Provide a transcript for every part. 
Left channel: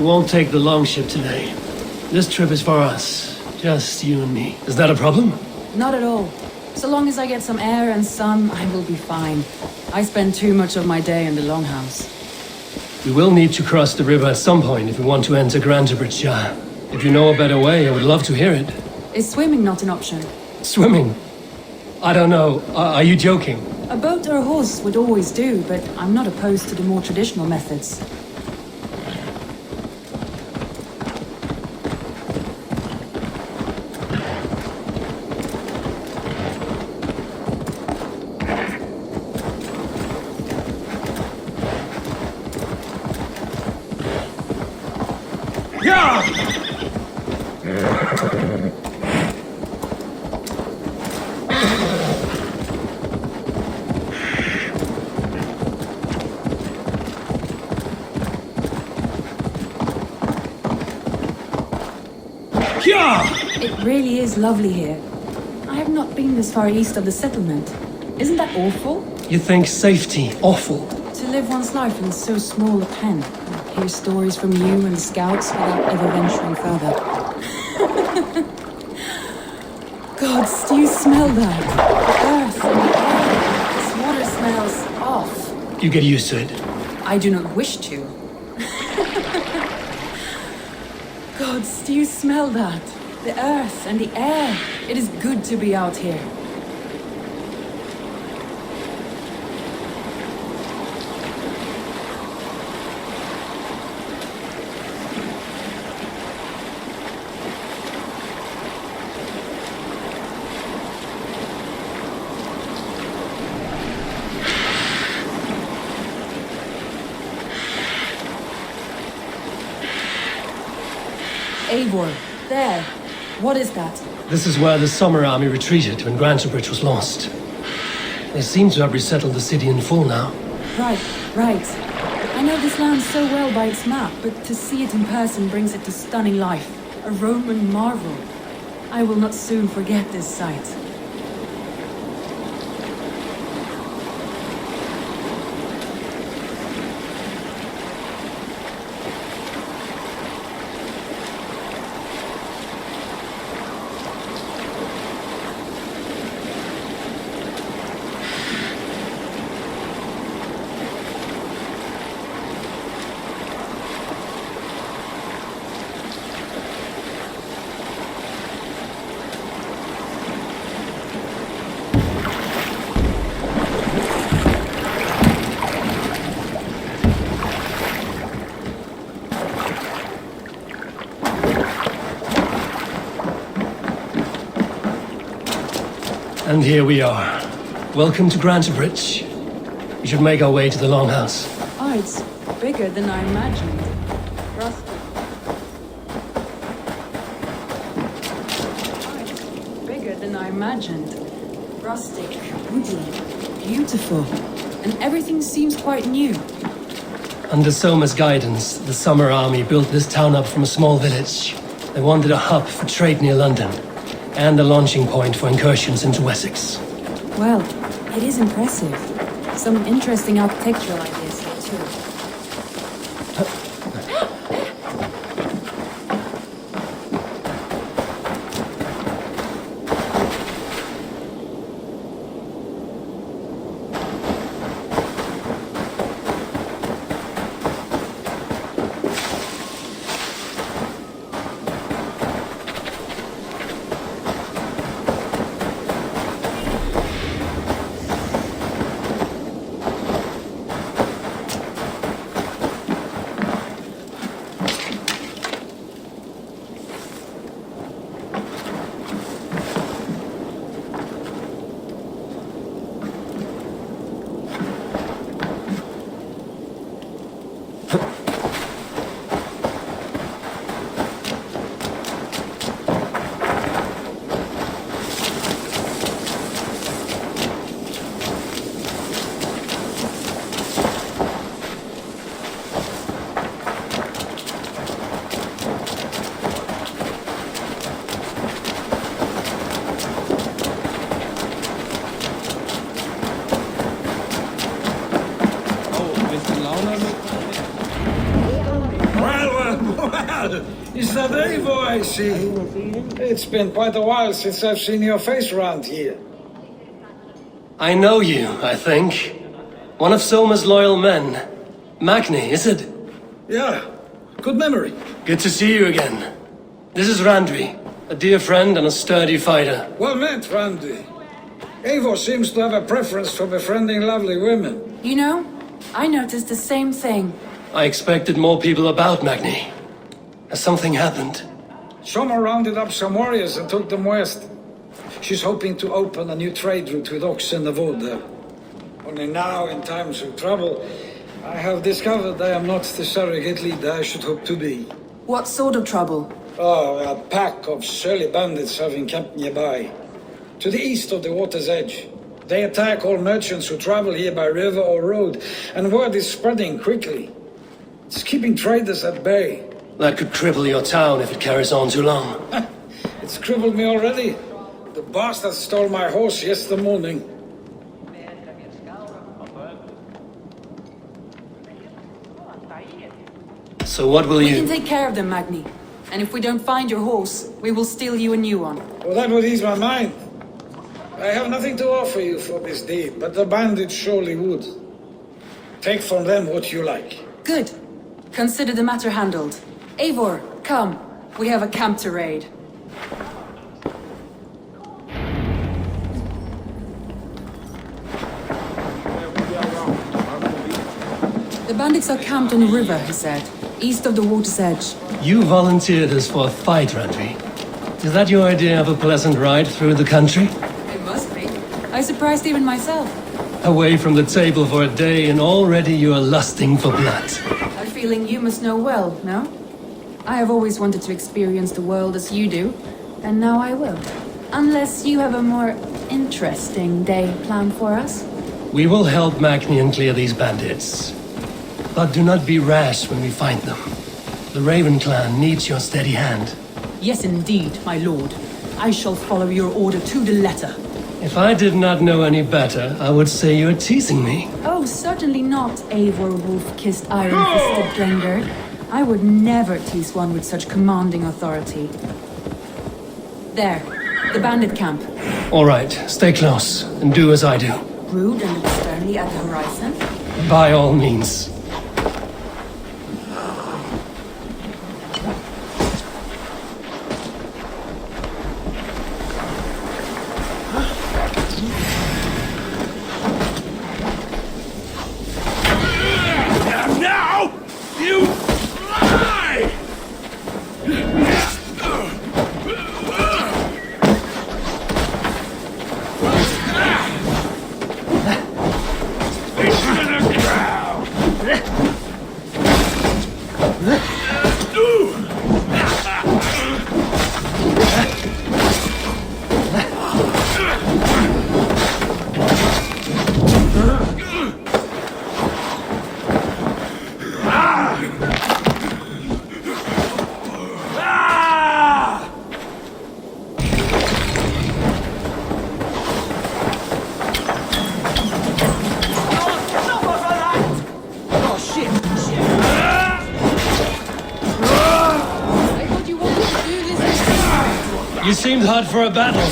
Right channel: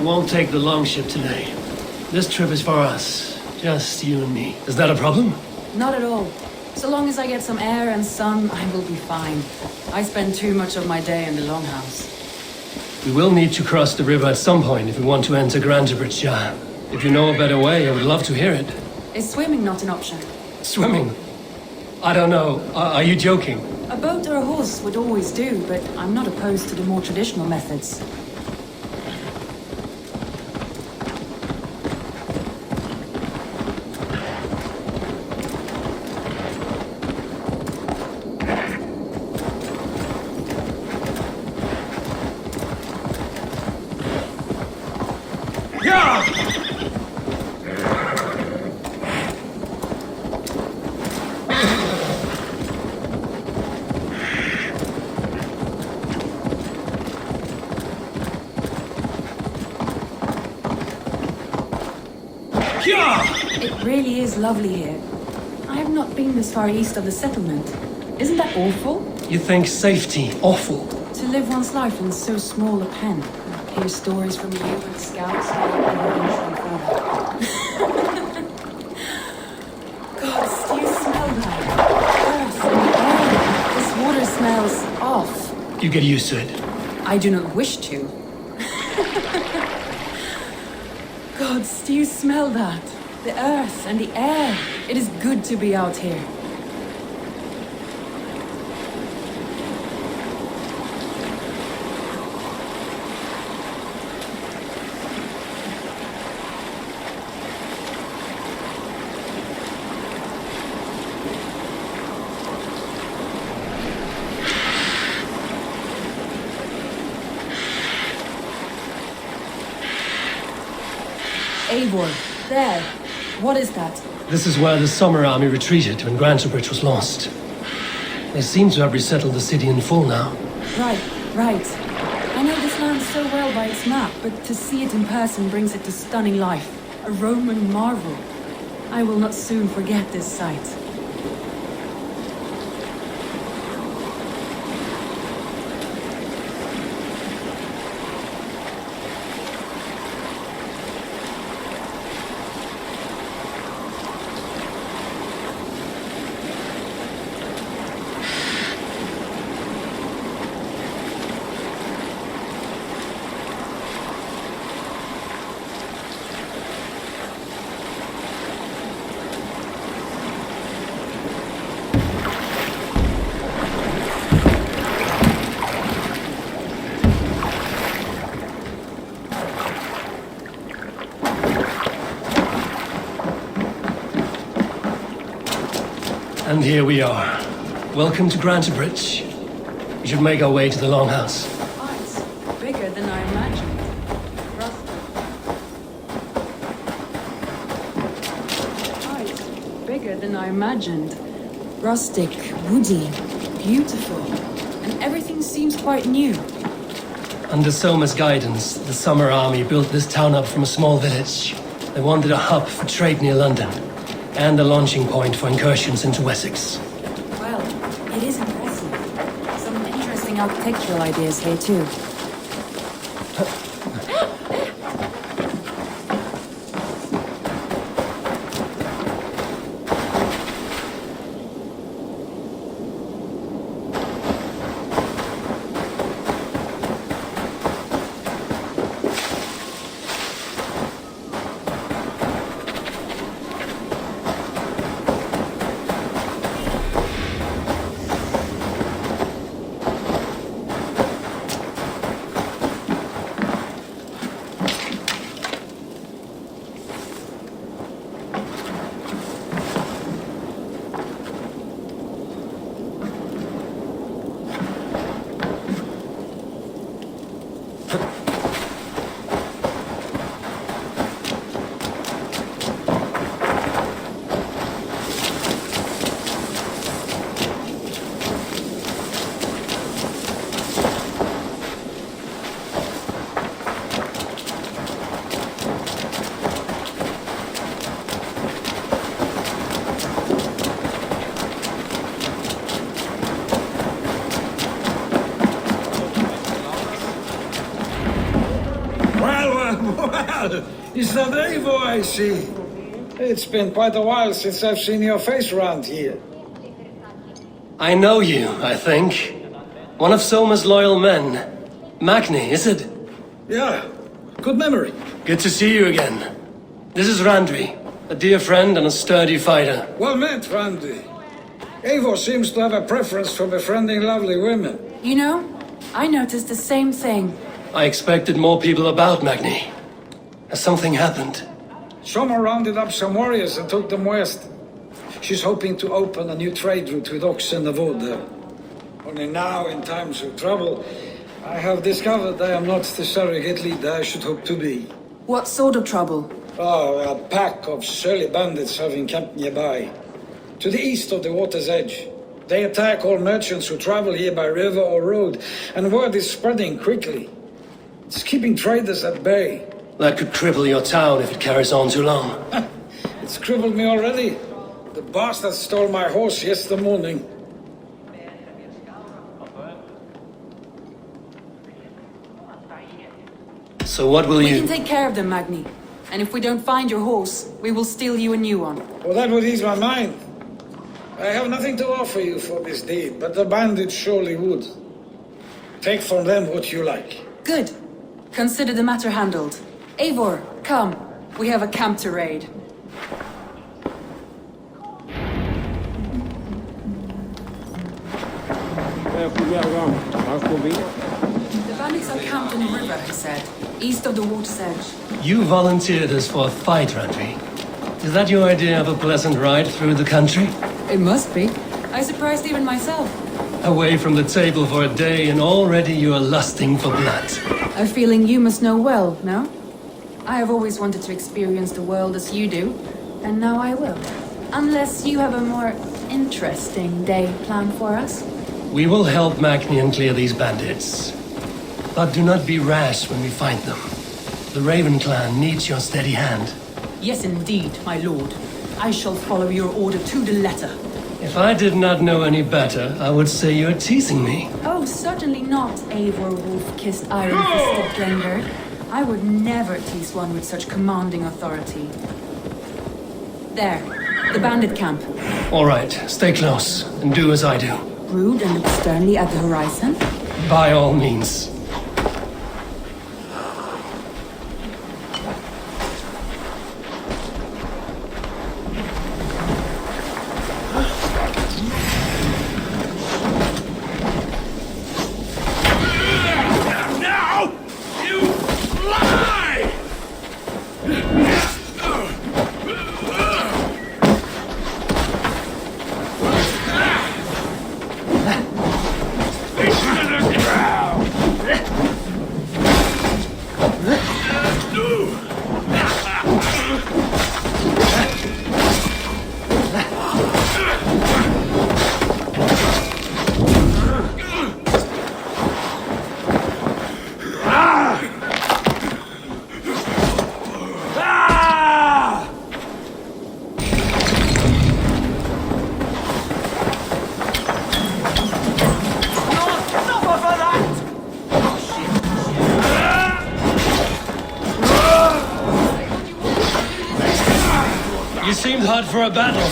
We won't take the longship today. This trip is for us. Just you and me. Is that a problem? Not at all. So long as I get some air and sun, I will be fine. I spend too much of my day in the longhouse. We will need to cross the river at some point if we want to enter Grantebridge. If you know a better way, I would love to hear it. Is swimming not an option? Swimming? I don't know. Are you joking? A boat or a horse would always do, but I'm not opposed to the more traditional methods. It really is lovely here. I have not been this far east of the settlement. Isn't that awful? You think safety awful? To live one's life in so small a pen. Hear stories from you and the scouts without ever venturing further. Gods, do you smell that? Earth and the air. This water smells off. You get used to it. I do not wish to. Gods, do you smell that? The earth and the air. It is good to be out here. Eivor, there. What is that? This is where the Summer Army retreated when Grantebridge was lost. They seem to have resettled the city in full now. Right. I know this land so well by its map, but to see it in person brings it to stunning life. A Roman marvel. I will not soon forget this sight. And here we are. Welcome to Grantebridge. We should make our way to the Longhouse. Oh, it's bigger than I imagined. Rustic. Oh, it's bigger than I imagined. Rustic, woody, beautiful. And everything seems quite new. Under Soma's guidance, the Summer Army built this town up from a small village. They wanted a hub for trade near London, and a launching point for incursions into Wessex. Well, it is impressive. Some interesting architectural ideas here too. Well, is that Eivor I see? It's been quite a while since I've seen your face around here. I know you, I think. One of Soma's loyal men. Magni, is it? Yeah, good memory. Good to see you again. This is Randvi, a dear friend and a sturdy fighter. Well met, Randy. Eivor seems to have a preference for befriending lovely women. You know, I noticed the same thing. I expected more people about Magni. Has something happened? Soma rounded up some warriors and took them west. She's hoping to open a new trade route with oxen and wood there. Only now, in times of trouble, I have discovered I am not the surrogate leader I should hope to be. What sort of trouble? Oh, a pack of surly bandits have encamped nearby, to the east of the water's edge. They attack all merchants who travel here by river or road, and word is spreading quickly. It's keeping traders at bay. That could cripple your town if it carries on too long. It's crippled me already. The bastard stole my horse yesterday morning. So what will We you... can take care of them, Magni. And if we don't find your horse, we will steal you a new one. Well, that would ease my mind. I have nothing to offer you for this deed, but the bandits surely would. Take from them what you like. Good. Consider the matter handled. Eivor, come. We have a camp to raid. The bandits are camped on a river, he said, east of the water's edge. You volunteered us for a fight, Randvi. Is that your idea of a pleasant ride through the country? It must be. I surprised even myself. Away from the table for a day and already you are lusting for blood. A feeling you must know well, no? I have always wanted to experience the world as you do, and now I will. Unless you have a more interesting day planned for us. We will help Magnian clear these bandits. But do not be rash when we find them. The Raven clan needs your steady hand. Yes, indeed, my lord. I shall follow your order to the letter. If I did not know any better, I would say you're teasing me. Oh, certainly not, Eivor wolf-kissed iron-fisted Drengr. I would never tease one with such commanding authority. There, the bandit camp. All right, stay close and do as I do. Brood and look sternly at the horizon. By all means. You seemed hot for a battle.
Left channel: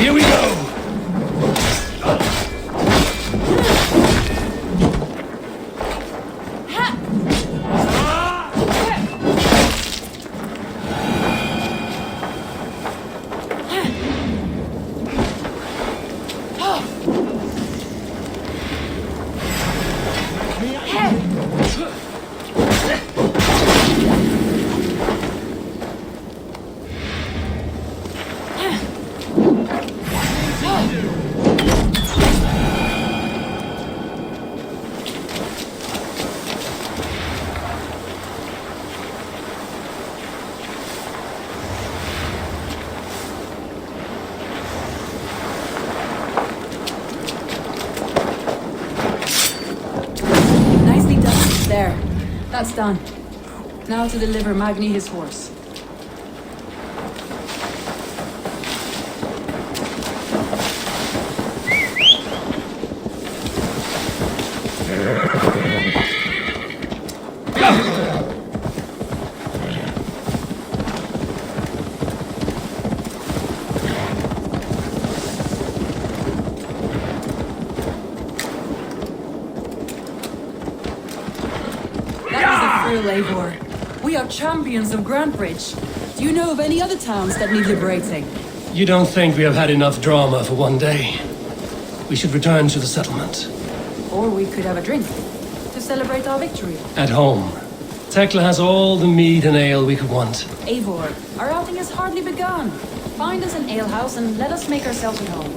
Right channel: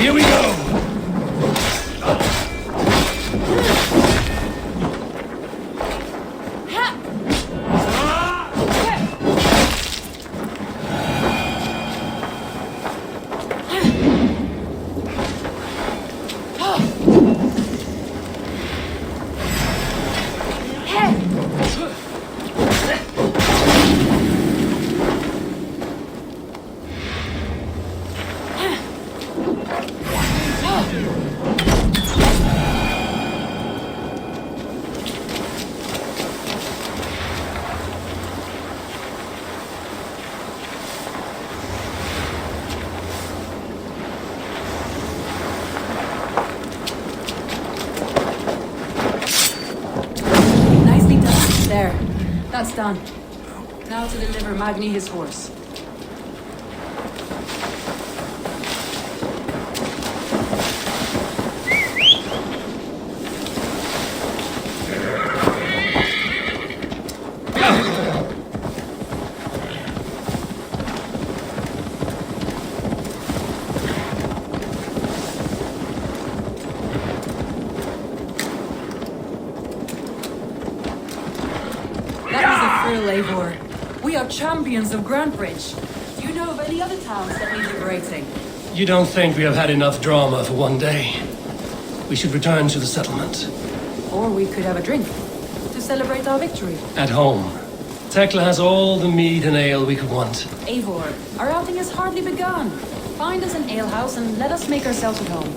Here we go! Nicely done. There. That's done. Now to deliver Magni his horse. thrill, Eivor. We are champions of Grantbridge. Do you know of any other towns that need liberating? You don't think we have had enough drama for one day? We should return to the settlement. Or we could have a drink to celebrate our victory. At home. Tekla has all the mead and ale we could want. Eivor, our outing has hardly begun. Find us an alehouse and let us make ourselves at home.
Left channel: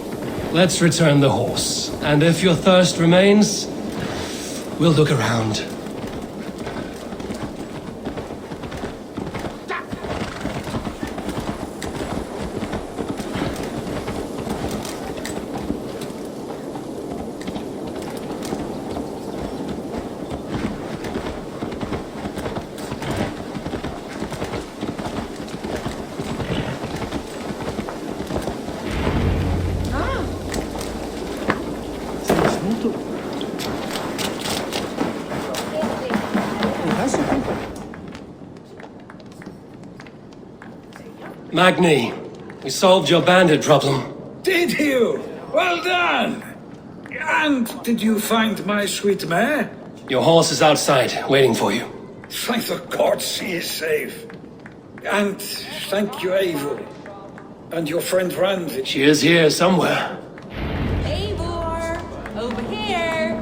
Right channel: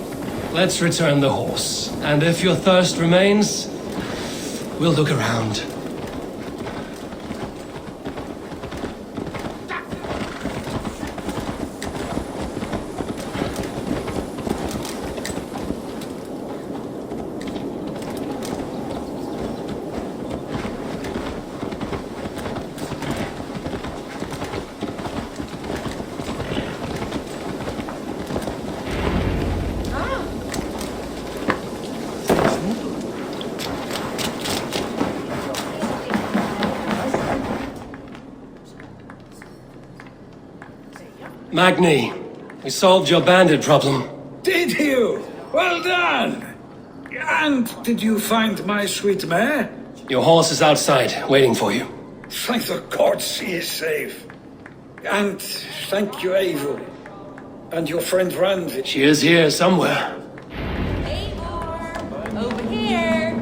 Let's return the horse. And if your thirst remains, we'll look around. Magni, we solved your bandit problem. Did you? Well done! And did you find my sweet mare? Your horse is outside, waiting for you. Thank the gods he is safe. And thank you, Eivor. And your friend Randy. She is here somewhere. Eivor! Over here!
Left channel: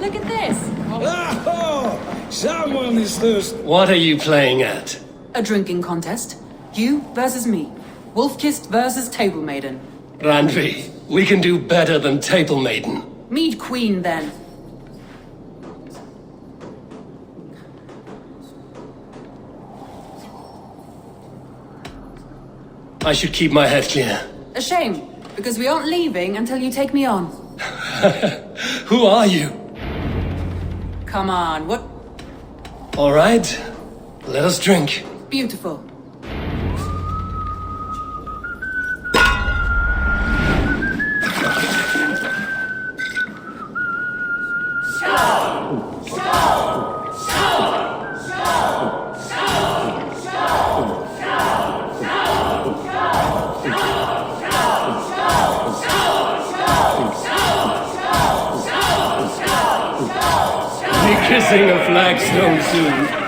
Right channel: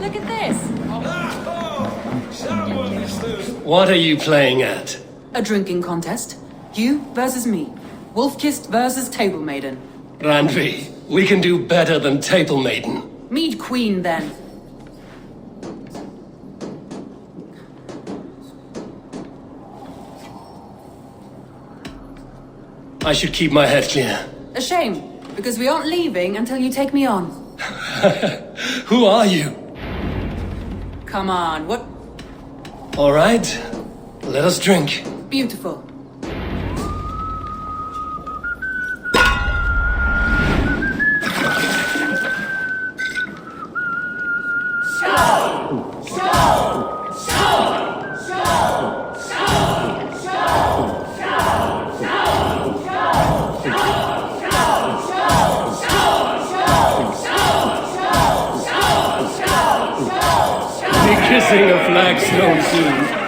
Look at this! Oh, someone is thirsty. What are you playing at? A drinking contest. You versus me. Wolf-kissed versus Table Maiden. Randvi, we can do better than Table Maiden. Mead Queen, then. I should keep my head clear. A shame, because we aren't leaving until you take me on. Who are you? Come on, what? All right, let us drink. Beautiful. Be kissing a flagstone soon.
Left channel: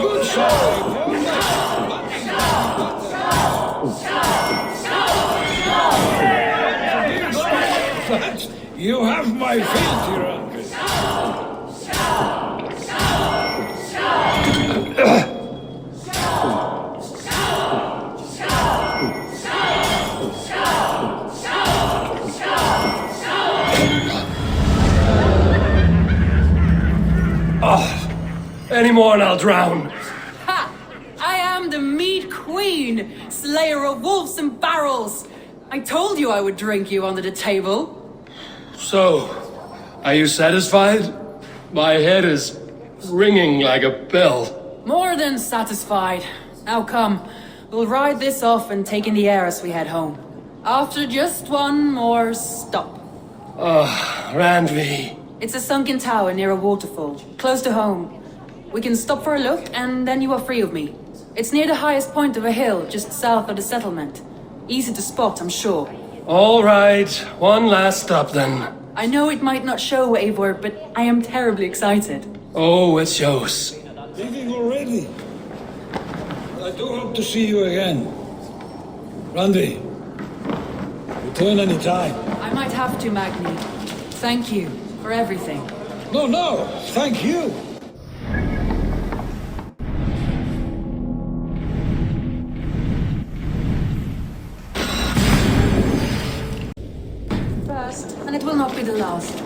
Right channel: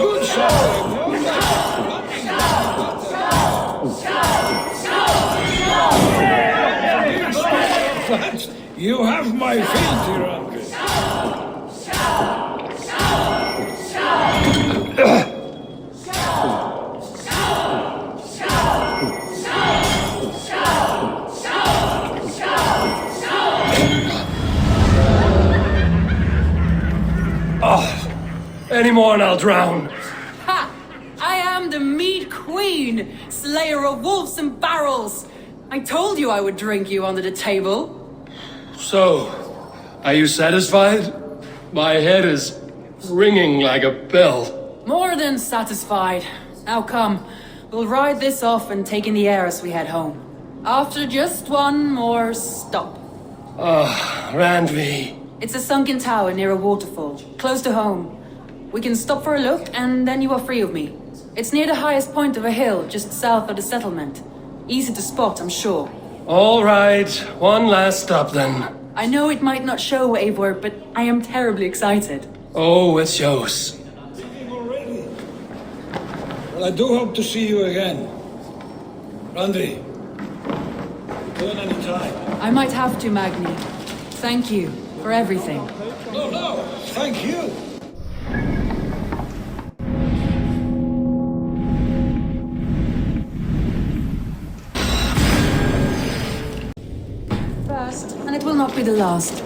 Good shot. You have my feet, Randy. Any more and I'll drown. Ha! I am the Mead Queen, slayer of wolves and barrels. I told you I would drink you under the table. So, are you satisfied? My head is ringing like a bell. More than satisfied. Now come, we'll ride this off and take in the air as we head home. After just one more stop. Randvi. It's a sunken tower near a waterfall, close to home. We can stop for a look, and then you are free of me. It's near the highest point of a hill, just south of the settlement. Easy to spot, I'm sure. All right, one last stop then. I know it might not show, Eivor, but I am terribly excited. Oh, it shows. Leaving already? Well, I do hope to see you again. Randy, return any time. I might have to, Magni. Thank you for everything. No, thank you. First, and it will not be the last.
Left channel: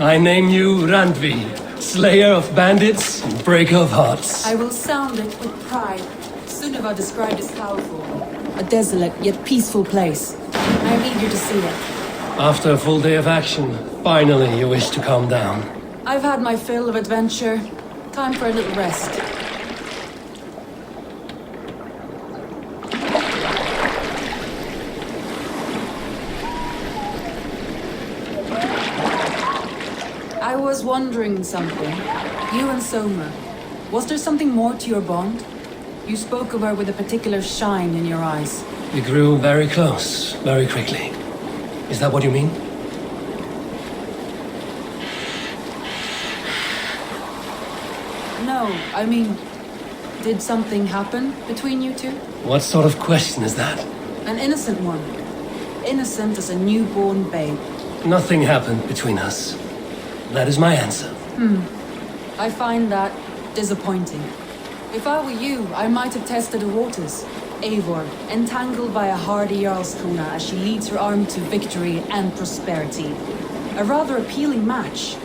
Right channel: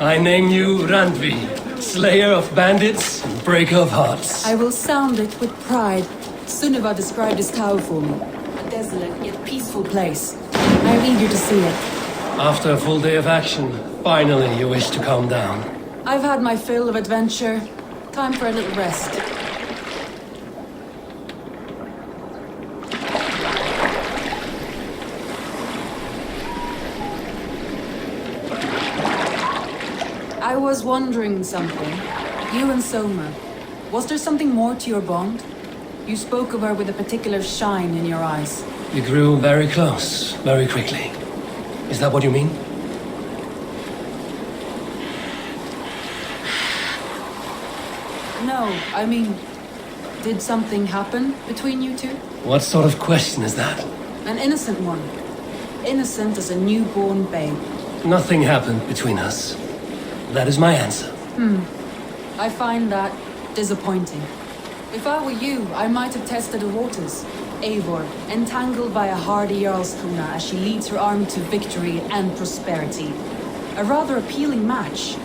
I name you Randvi, slayer of bandits and breaker of hearts. I will sound it with pride. Sunniva described this tower for me. A desolate yet peaceful place. I am eager to see it. After a full day of action, finally you wish to calm down. I've had my fill of adventure. Time for a little rest. I was wondering something. You and Soma, was there something more to your bond? You spoke of her with a particular shine in your eyes. We grew very close, very quickly. Is that what you mean? No, I mean, did something happen between you two? What sort of question is that? An innocent one. Innocent as a newborn babe. Nothing happened between us. That is my answer. I find that disappointing. If I were you, I might have tested the waters. Eivor, entangled by a hardy Jarlskona as she leads her army to victory and prosperity. A rather appealing match.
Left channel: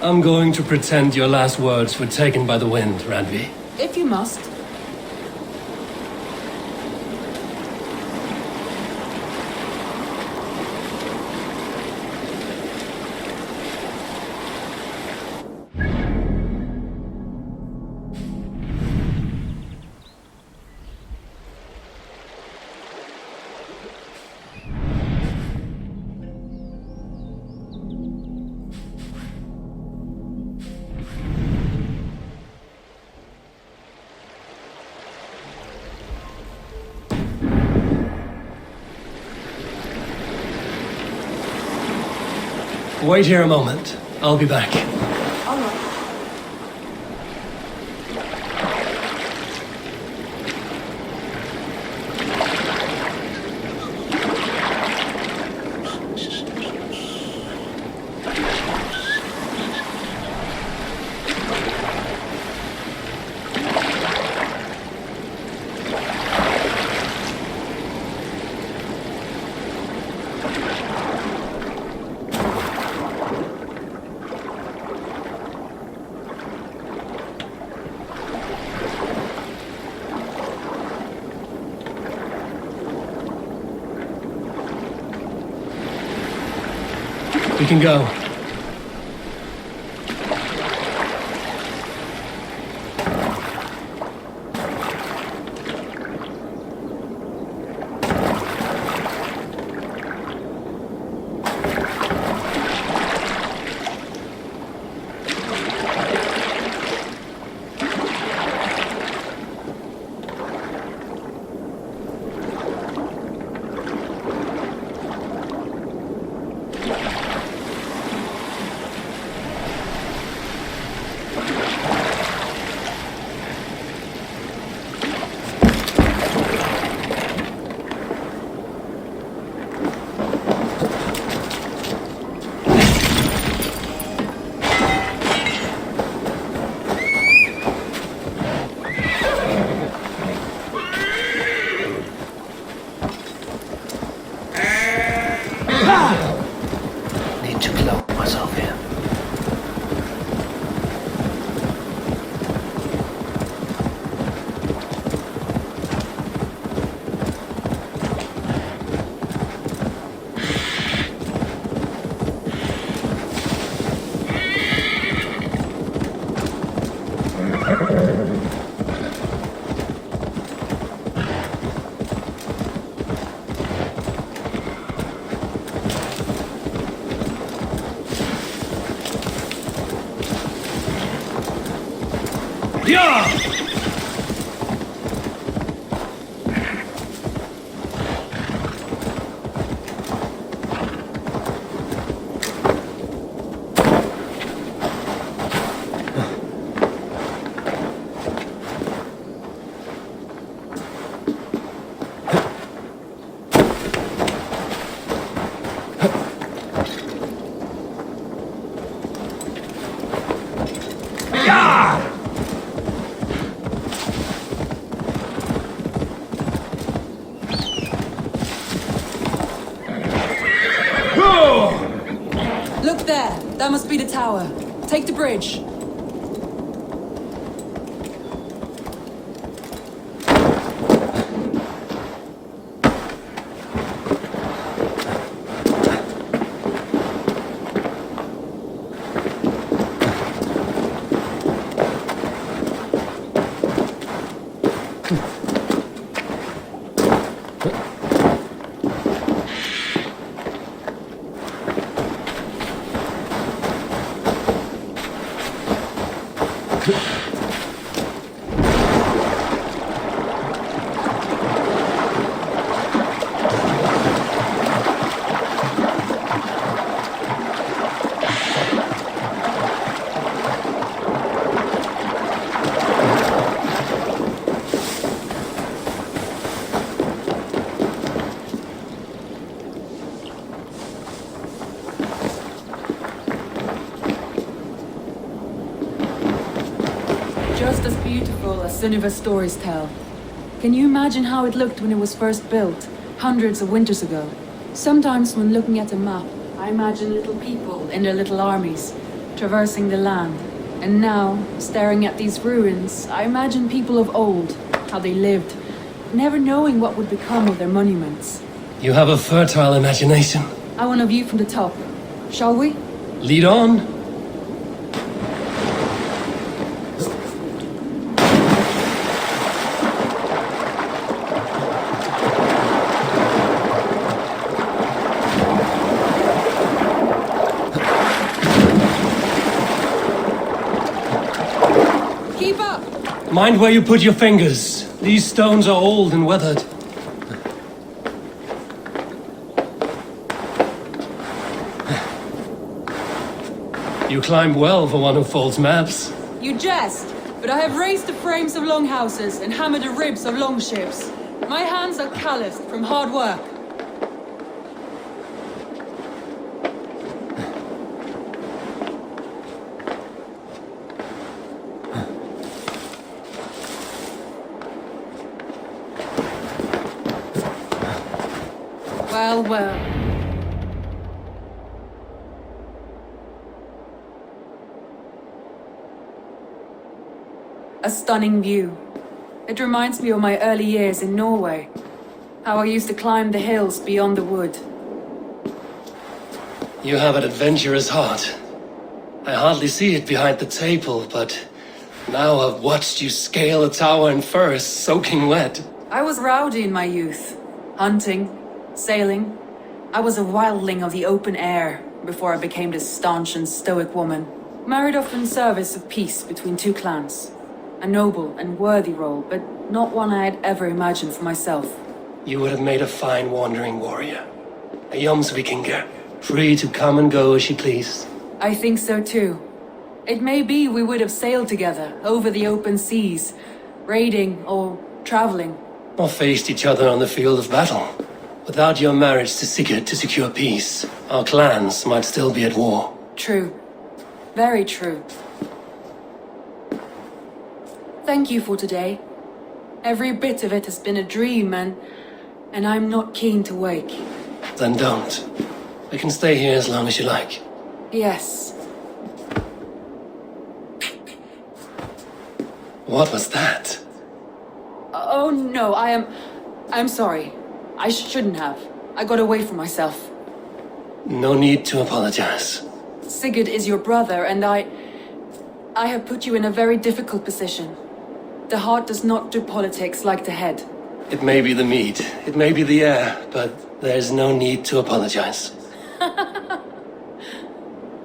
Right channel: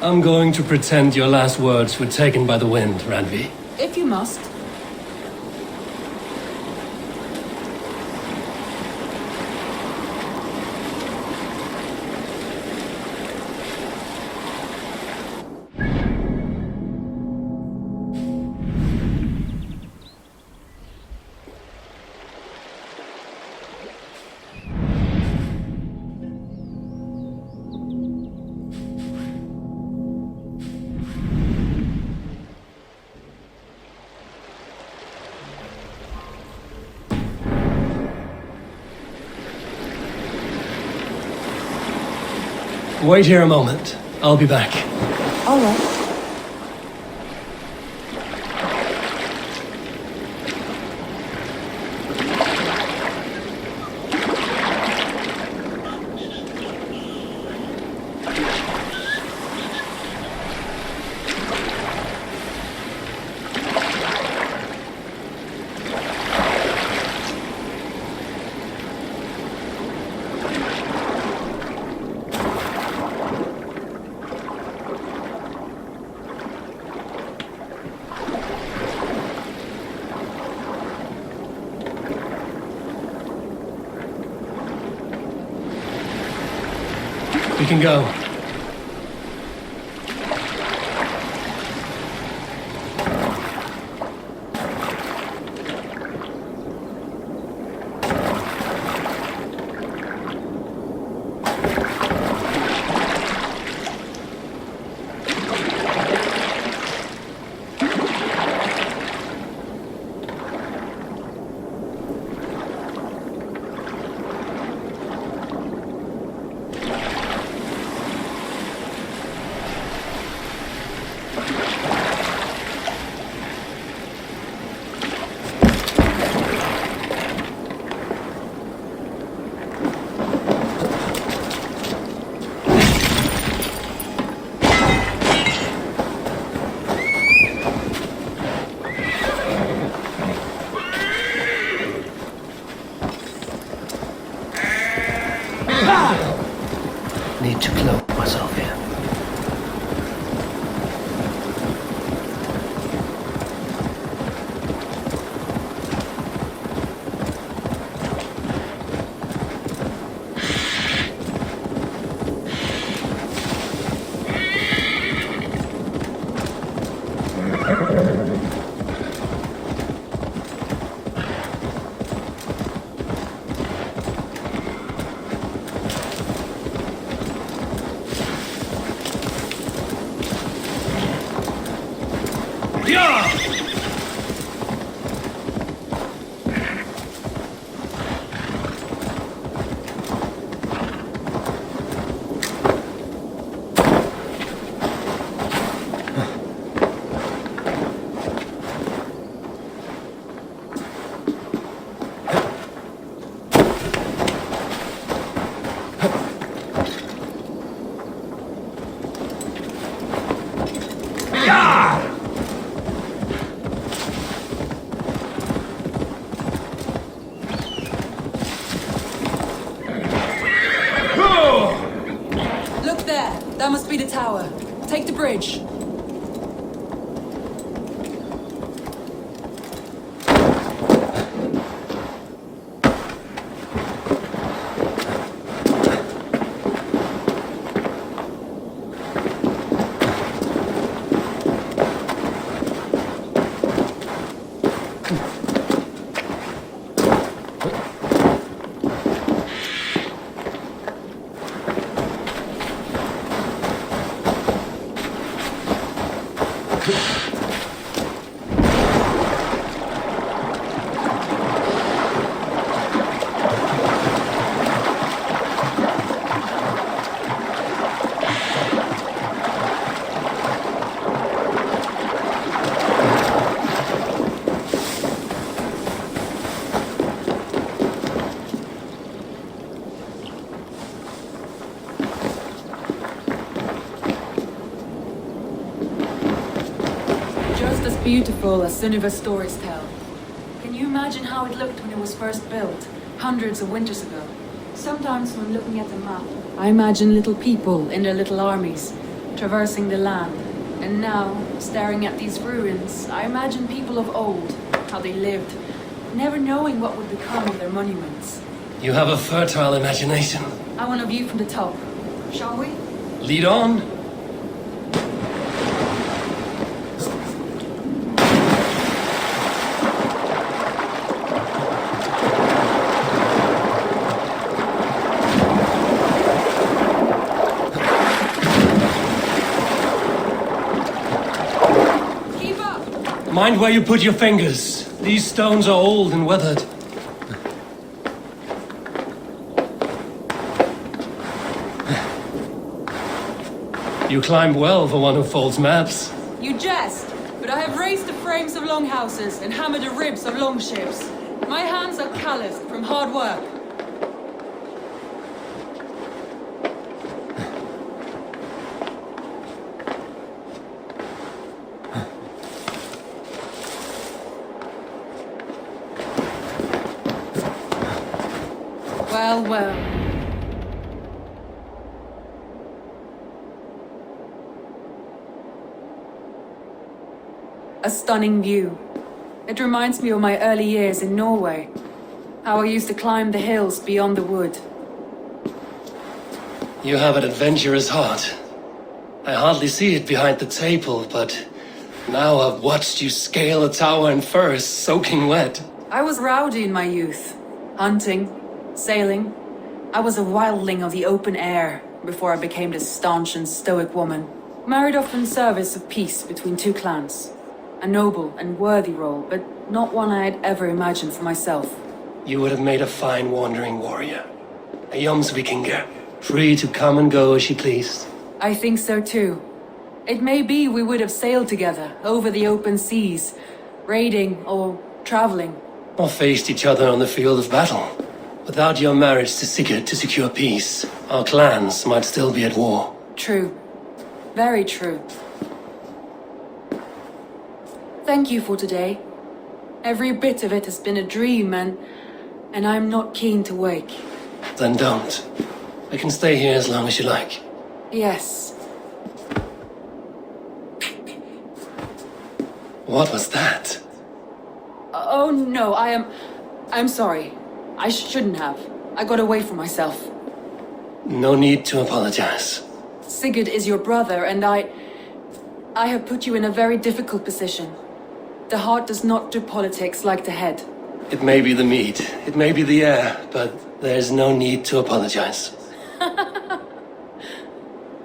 I'm going to pretend your last words were taken by the wind, Randvi. If you must. Wait here a moment. I'll be back. All right. We can go. Need to cloak myself here. Yeah! Look there! That must be the tower. Take the bridge. Just as beautiful as Sunniva's stories tell. Can you imagine how it looked when it was first built, hundreds of winters ago? Sometimes when looking at a map, I imagine little people in their little armies, traversing the land. And now, staring at these ruins, I imagine people of old, how they lived, never knowing what would become of their monuments. You have a fertile imagination. I want a view from the top. Shall we? Lead on. Keep up! Mind where you put your fingers. These stones are old and weathered. You climb well for one who folds maps. You jest, but I have raised the frames of longhouses and hammered the ribs of longships. My hands are calloused from hard work. Well, well. A stunning view. It reminds me of my early years in Norway. How I used to climb the hills beyond the wood. You have an adventurous heart. I hardly see it behind the table, but now I've watched you scale a tower in furs, soaking wet. I was rowdy in my youth. Hunting, sailing. I was a wildling of the open air before I became this staunch and stoic woman. Married off in service of peace between two clans. A noble and worthy role, but not one I had ever imagined for myself. You would have made a fine wandering warrior. A Jomsvikinger, free to come and go as you pleased. I think so too. It may be we would have sailed together over the open seas, raiding or traveling. Or faced each other on the field of battle. Without your marriage to Sigurd to secure peace, our clans might still be at war. True. Very true. Thank you for today. Every bit of it has been a dream and I'm not keen to wake. Then don't. I can stay here as long as you like. Yes. What was that? Oh no, I'm sorry. I shouldn't have. I got away from myself. No need to apologize. Sigurd is your brother and I have put you in a very difficult position. The heart does not do politics like the head. It may be the meat, it may be the air, but there's no need to apologize.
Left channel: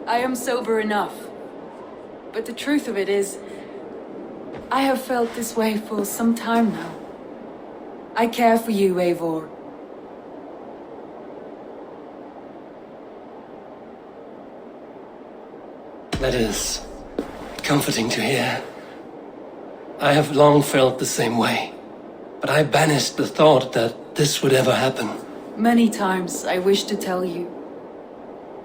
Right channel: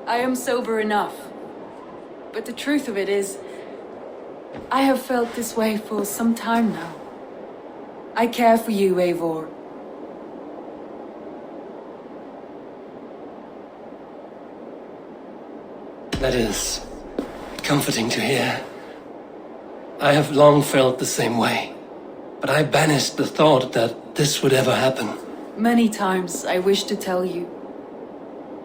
I am sober enough. But the truth of it is, I have felt this way for some time now. I care for you, Eivor. That is comforting to hear. I have long felt the same way, but I banished the thought that this would ever happen. Many times I wished to tell you.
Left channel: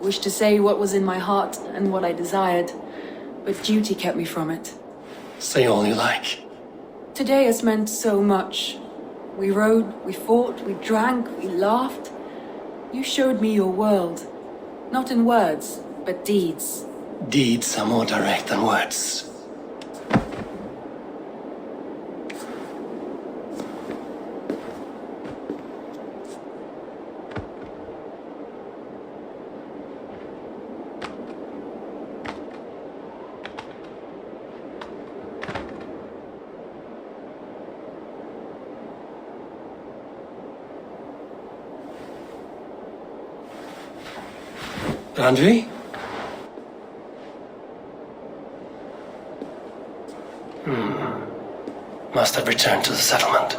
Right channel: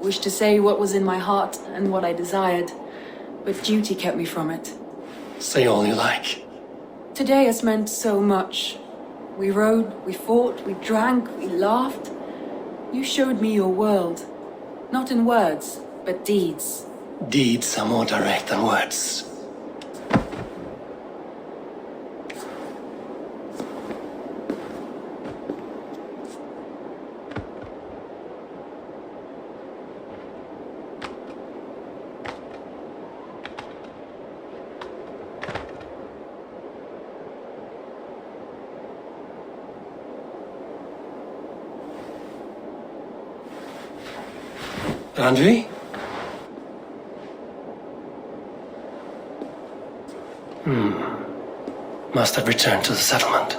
Wished to say what was in my heart and what I desired, but duty kept me from it. Say all you like. Today has meant so much. We rode, we fought, we drank, we laughed. You showed me your world. Not in words, but deeds. Deeds are more direct than words. Andri? Must have returned to the settlement.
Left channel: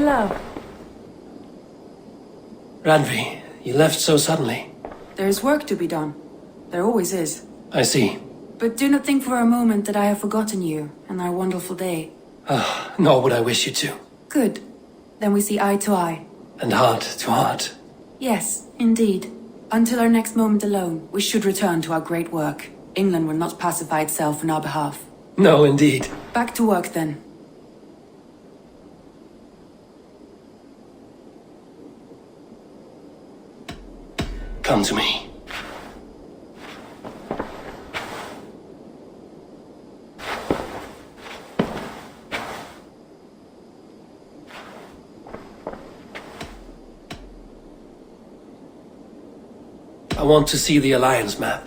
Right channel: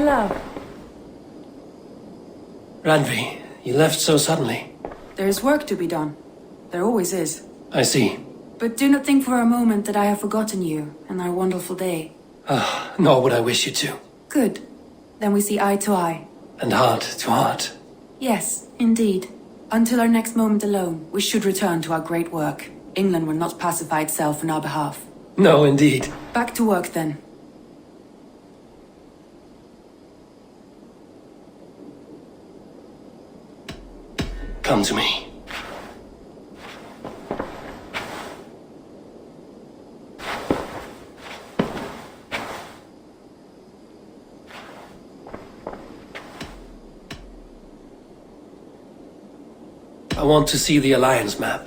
love. Randvi, you left so suddenly. There is work to be done. There always is. I see. But do not think for a moment that I have forgotten you and our wonderful day. Nor would I wish you to. Good. Then we see eye to eye. And heart to heart. Yes, indeed. Until our next moment alone, we should return to our great work. England will not pacify itself on our behalf. No, indeed. Back to work then. Come to me. I want to see the Alliance map.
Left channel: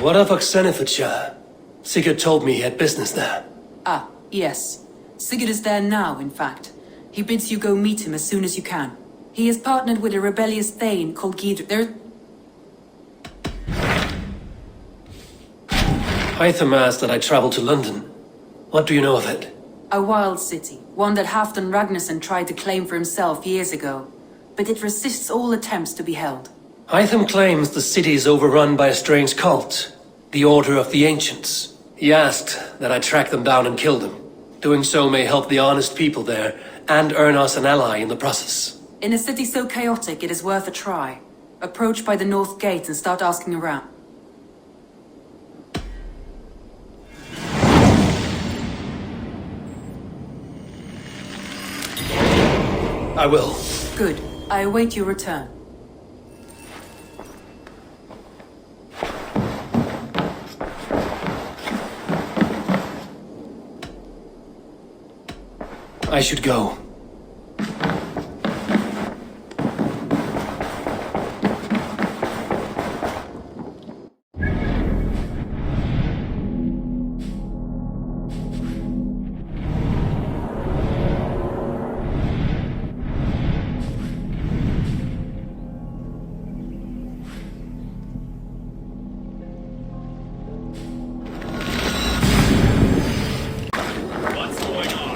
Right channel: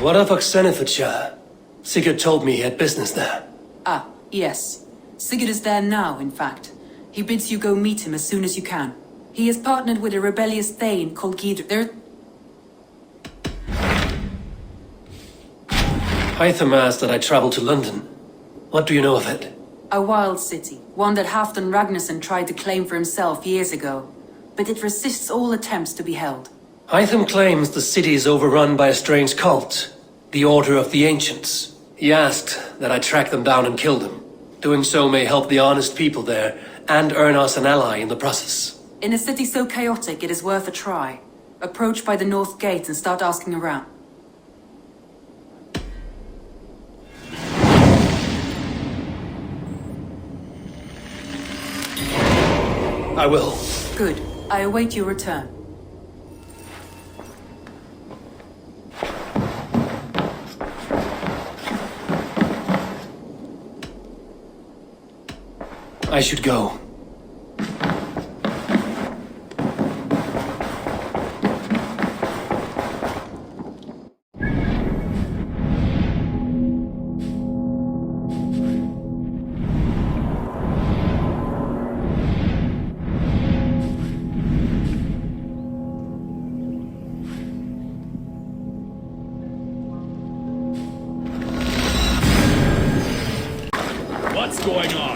What of Oxenfordshire? Sigurd told me he had business there. Ah, yes. Sigurd is there now, in fact. He bids you go meet him as soon as you can. He is partnered with a rebellious Thane called Gidr. Hytham asked that I travel to London. What do you know of it? A wild city, one that Halfdan Ragnarsson tried to claim for himself years ago. But it resists all attempts to be held. Hytham claims the city is overrun by a strange cult, the Order of the Ancients. He asked that I track them down and kill them. Doing so may help the honest people there, and earn us an ally in the process. In a city so chaotic, it is worth a try. Approach by the North Gate and start asking around. I will. Good. I await your return. I should go. What's going on?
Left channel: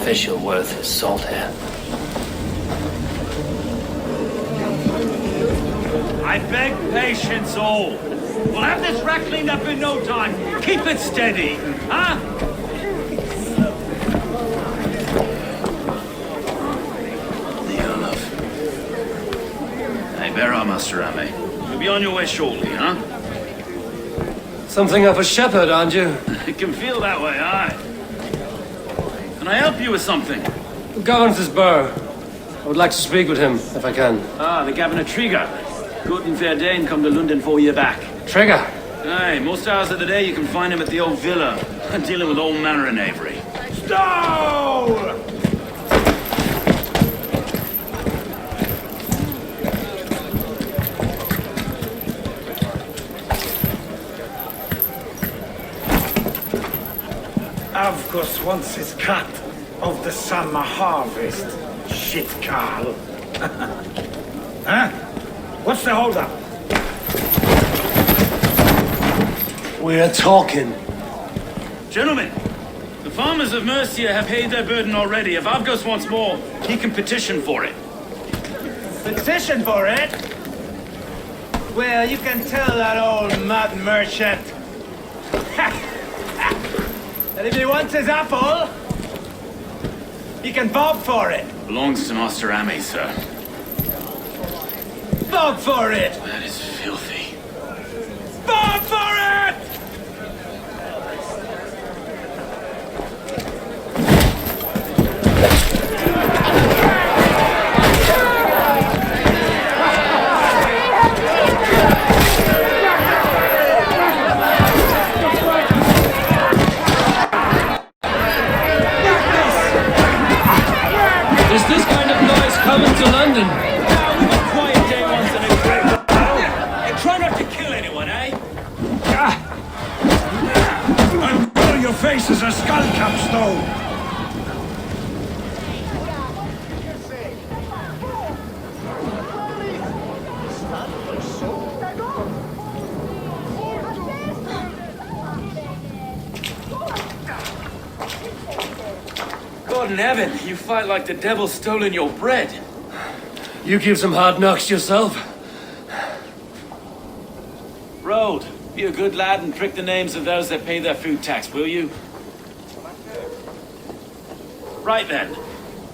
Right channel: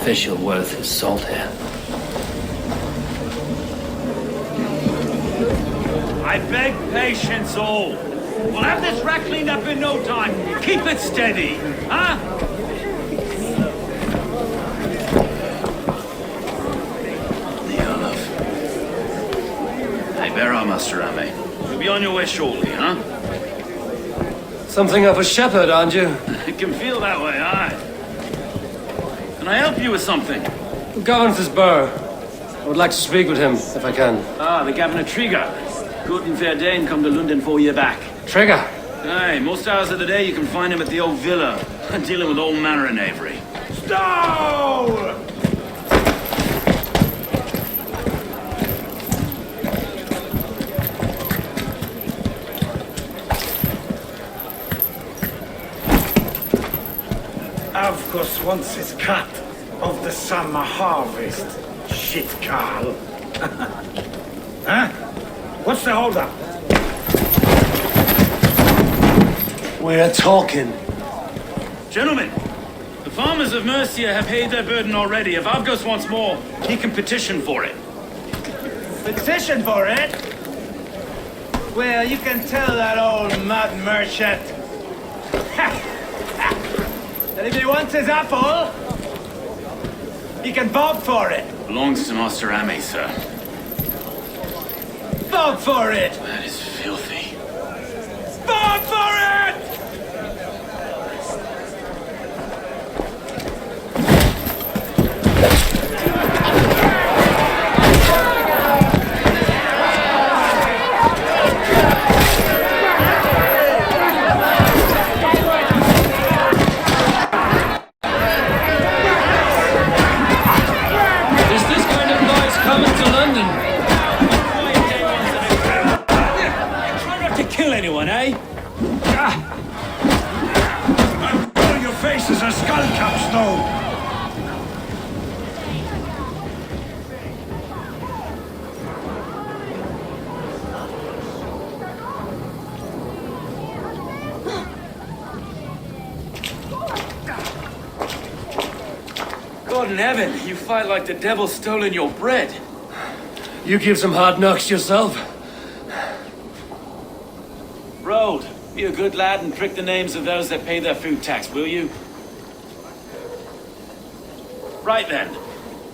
Official worth his salt here. I beg patience all. We'll have this wreck cleaned up in no time. Keep it steady, huh? The Olaf. Hey, bear our Master Ame. You'll be on your way shortly, huh? Something of a shepherd, aren't you? It can feel that way, aye. Can I help you with something? Who governs this burr? I would like to speak with him, if I can. Ah, the Governor Trigger. Guten Verdane come to London 4 year back. Trigger! Aye, most hours of the day you can find him at the old villa, dealing with all manner of knavery. Stow! Avgos wants his cut of the summer harvest. Shit, Carl. Huh? What's the holdup? We're talking. Gentlemen, the farmers of Mercia have paid their burden already. If Avgos wants more, he can petition for it. Petition for it? Well, you can tell that old mud merchant that if he wants his apple, he can bob for it. Belongs to Master Ame, sir. Bob for it! That is filthy. Bob for it! Is this kind of noise coming to London? Quiet day once in a great... Try not to kill anyone, eh? I'll burn your face as a skull caps, though. God in heaven, you fight like the devil stolen your bread. You give some hard knocks yourself. Road, be a good lad and prick the names of those that pay their food tax, will you? Right then.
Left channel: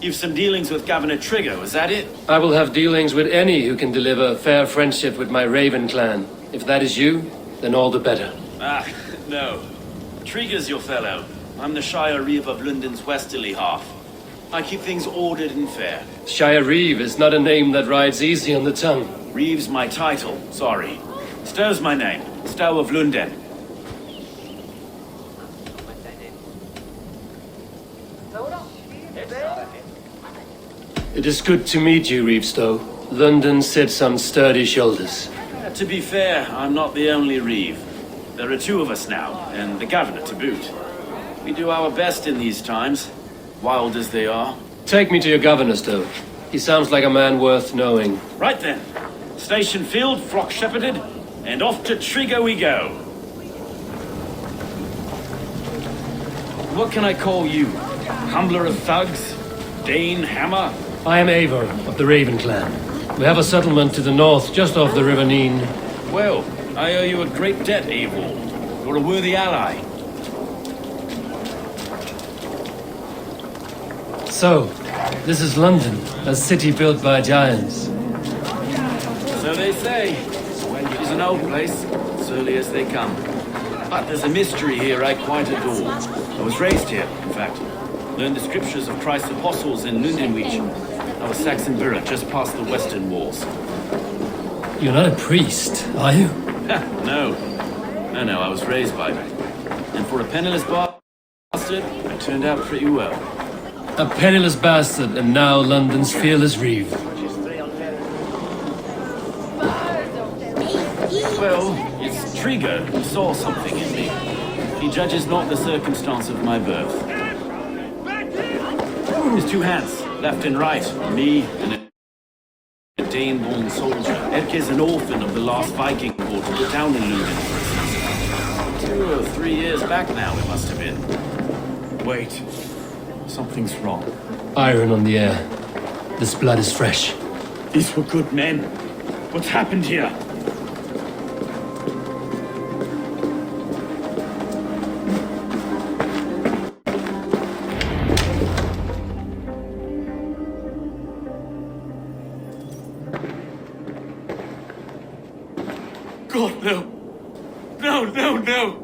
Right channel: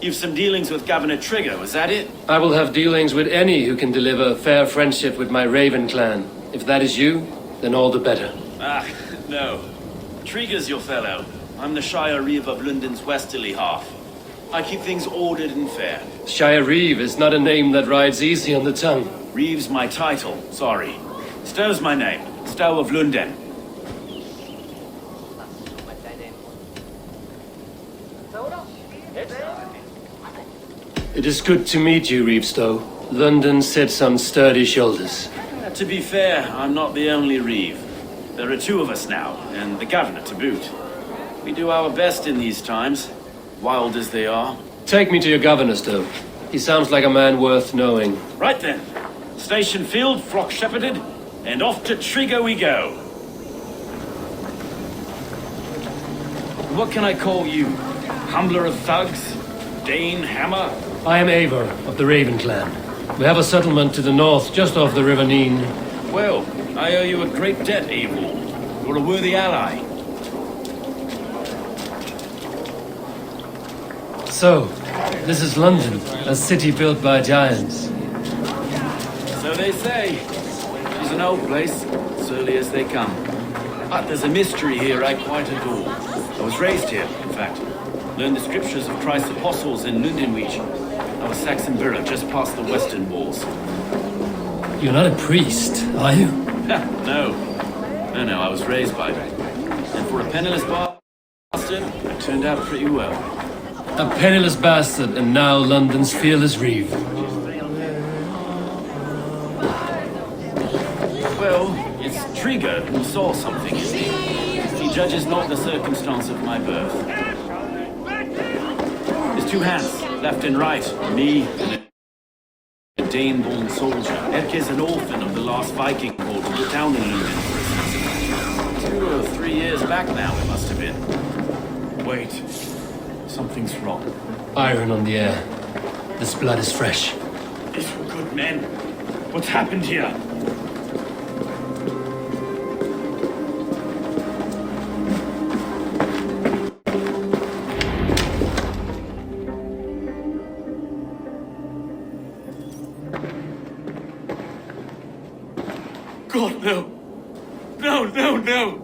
You've some dealings with Governor Trigger, is that it? I will have dealings with any who can deliver fair friendship with my Raven clan. If that is you, then all the better. Ah, no. Trigger's your fellow. I'm the Shire Reeve of London's westerly half. I keep things ordered and fair. Shire Reeve is not a name that rides easy on the tongue. Reeve's my title, sorry. Stow's my name. Stow of London. It is good to meet you, Reevestow. London sits on sturdy shoulders. To be fair, I'm not the only Reeve. There are two of us now, and the governor to boot. We do our best in these times, wild as they are. Take me to your governor, Stow. He sounds like a man worth knowing. Right then. Station filled, flock shepherded, and off to Trigger we go. What can I call you? Humbler of thugs? Dane Hammer? I am Eivor of the Raven clan. We have a settlement to the north, just off the River Neen. Well, I owe you a great debt, Eivor. You're a worthy ally. So, this is London, a city built by giants. So they say. She's an old place, surly as they come. But there's a mystery here I quite adore. I was raised here, in fact. Learned the scriptures of Christ's apostles in Lundenwich. I was Saxon Borough, just past the western walls. You're not a priest, are you? No. No, I was raised by them. And for a penniless bastard, I turned out pretty well. A penniless bastard, and now London's fearless Reeve. Well, it's Trigger who saw something in me. He judges not the circumstance of my birth. His two hands, left and right, me and a Dane-born soldier. Erke's an orphan of the last Viking war to put down in Luden for instance. 2 or 3 years back now, it must have been. Wait. Something's wrong. Iron on the air. This blood is fresh. These were good men. What's happened here? God, no. No.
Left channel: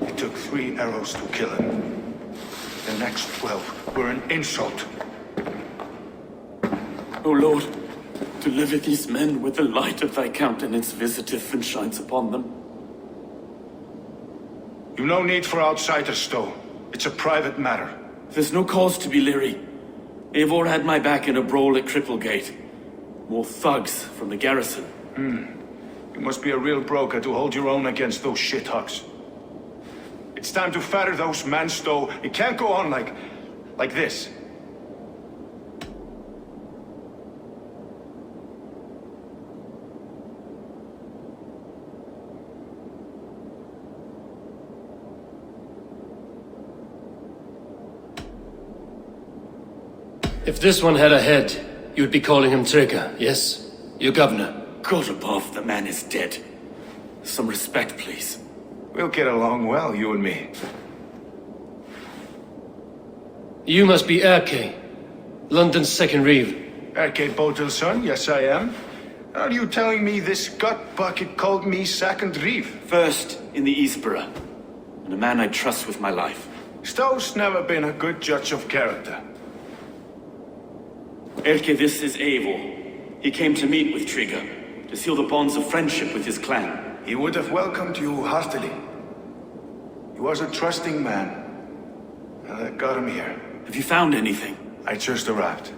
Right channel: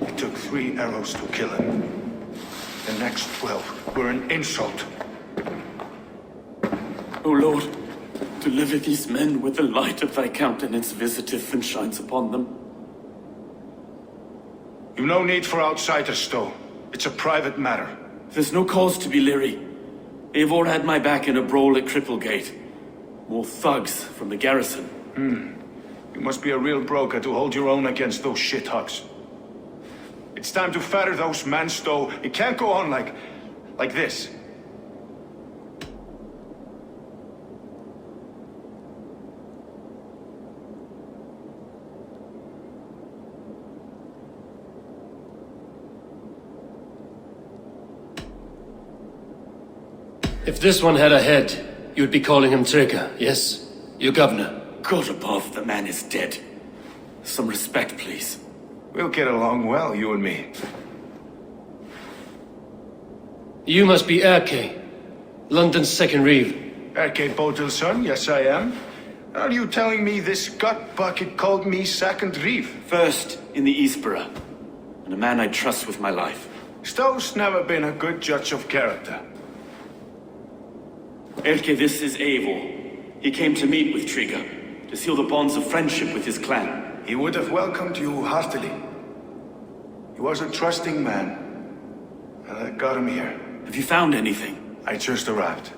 It took 3 arrows to kill him. The next 12 were an insult. O Lord, deliver these men with the light of thy countenance visiteth and shines upon them. You've no need for outsiders, Stowe. It's a private matter. There's no cause to be leery. Eivor had my back in a brawl at Cripplegate. More thugs from the garrison. You must be a real broker to hold your own against those shithugs. It's time to fetter those men, Stowe. It can't go on like this. If this one had a head, you'd be calling him Trigger, yes? Your governor. God above, the man is dead. Some respect, please. We'll get along well, you and me. You must be Dcoy, London's second reeve. Dcoy Botel's son, yes I am. Are you telling me this gut bucket called me second reeve? First in the Eastborough, and a man I trust with my life. Stowe's never been a good judge of character. Dcoy, this is Eivor. He came to meet with Trigger, to seal the bonds of friendship with his clan. He would have welcomed you heartily. He was a trusting man, and I got him here. Have you found anything? I just arrived.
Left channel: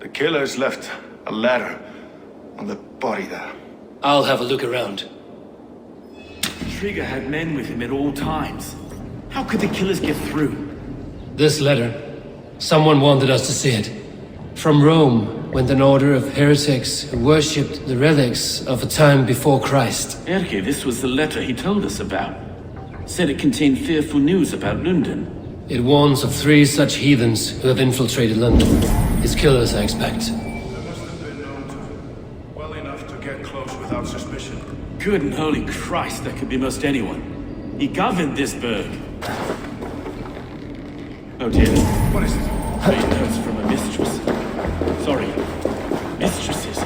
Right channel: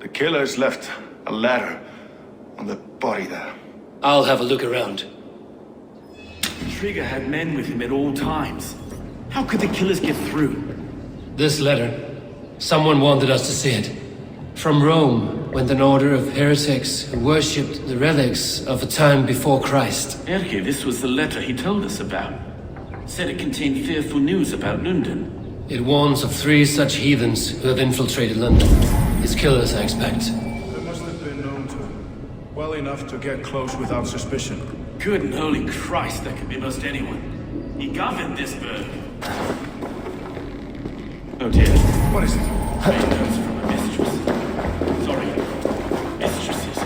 The killers left a letter on the body there. I'll have a look around. Trigger had men with him at all times. How could the killers get through? This letter, someone wanted us to see it. From Rome went an order of heretics who worshipped the relics of a time before Christ. Dcoy, this was the letter he told us about. Said it contained fearful news about London. It warns of 3 such heathens who have infiltrated London. His killers, I expect. There must have been known to him. Well enough to get close without suspicion. Good and holy Christ, that could be most anyone. He governed this burg. Oh dear. What is it? Made notes from a mistress. Sorry, mistresses.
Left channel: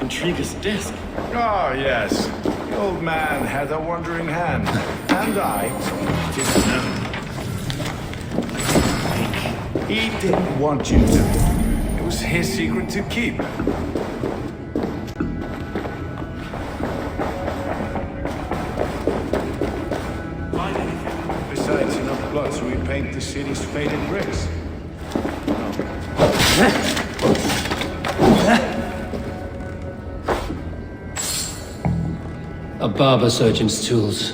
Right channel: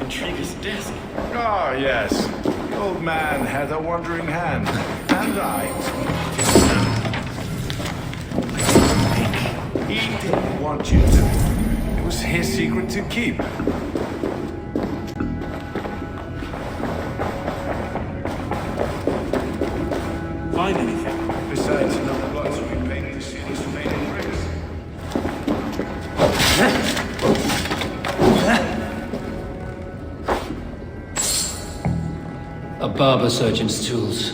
On Trigger's desk. Ah, yes. The old man had a wandering hand. And I... He didn't want you to. It was his secret to keep. Find anything? Besides enough blood, so we paint the city's faded bricks. A barber surgeon's tools.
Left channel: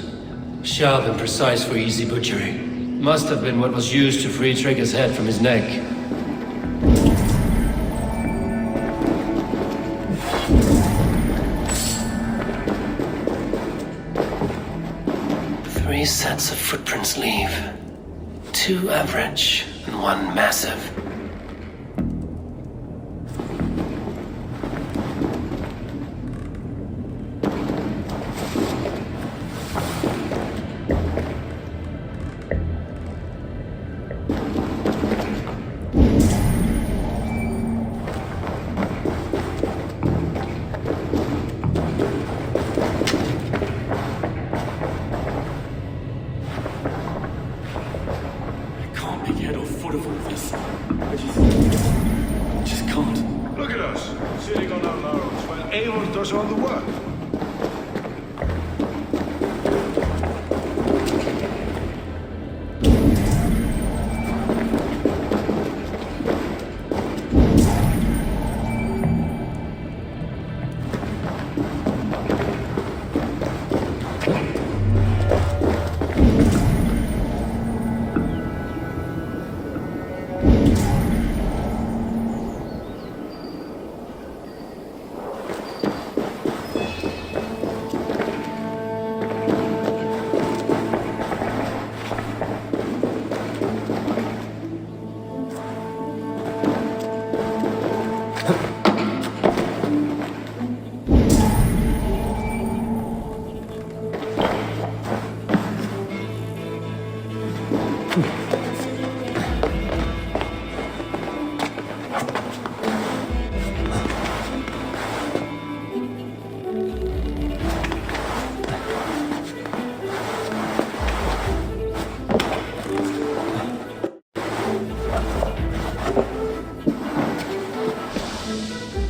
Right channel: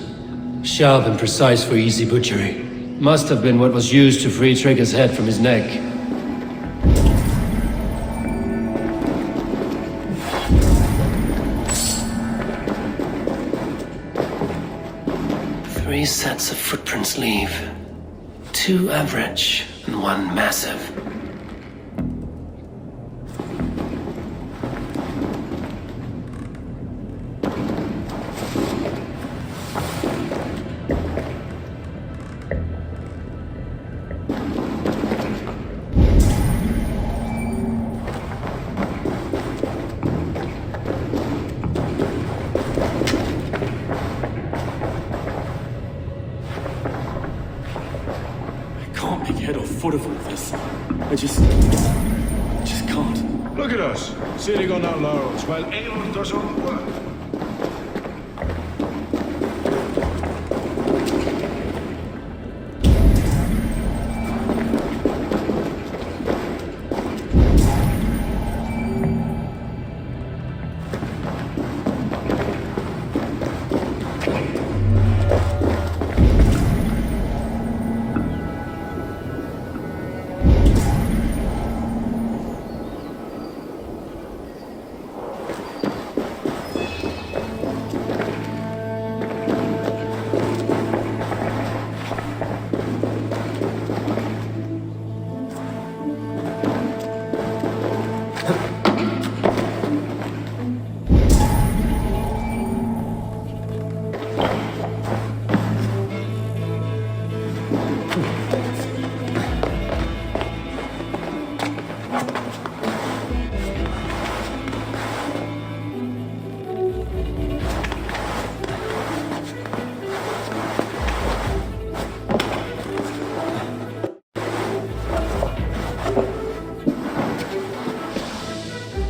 Sharp and precise for easy butchery. Must have been what was used to free Trigger's head from his neck. Three sets of footprints leave. 2 average and 1 massive. Head or foot of all this. I just can't. Look at us, sitting on our laurels while Eivor does all the work.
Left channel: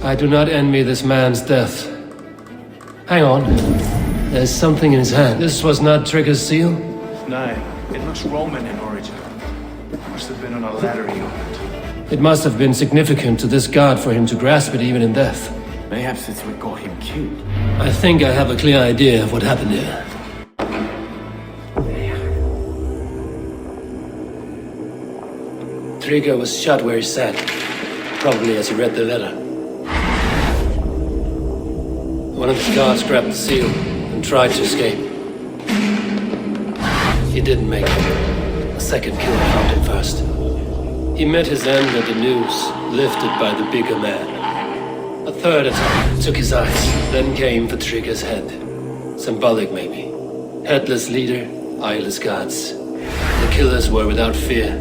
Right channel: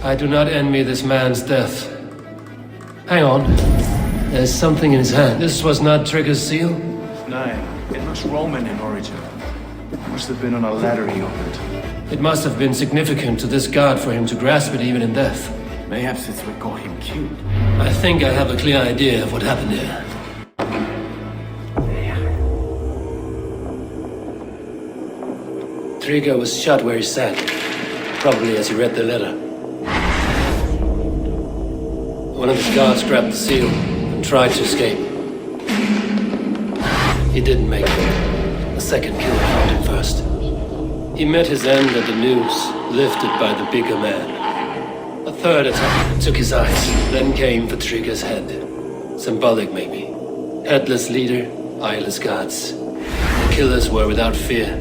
I do not envy this man's death. Hang on. There's something in his hand. This was not Trigger's seal? No, it looks Roman in origin. Must have been on a ladder he opened. It must have been significant to this god for him to grasp it even in death. Mayhaps it's what got him killed. I think I have a clear idea of what happened here. Frigga was shot where he sat, probably as he read the letter. One of his guards grabbed the seal and tried to escape. He didn't make it. A second killer found him first. He met his end at the noose, lifted by the bigger man. A third attack took his eyes, then came for Trigger's head. Symbolic, maybe. Headless leader, eyeless guards. The killers were without fear.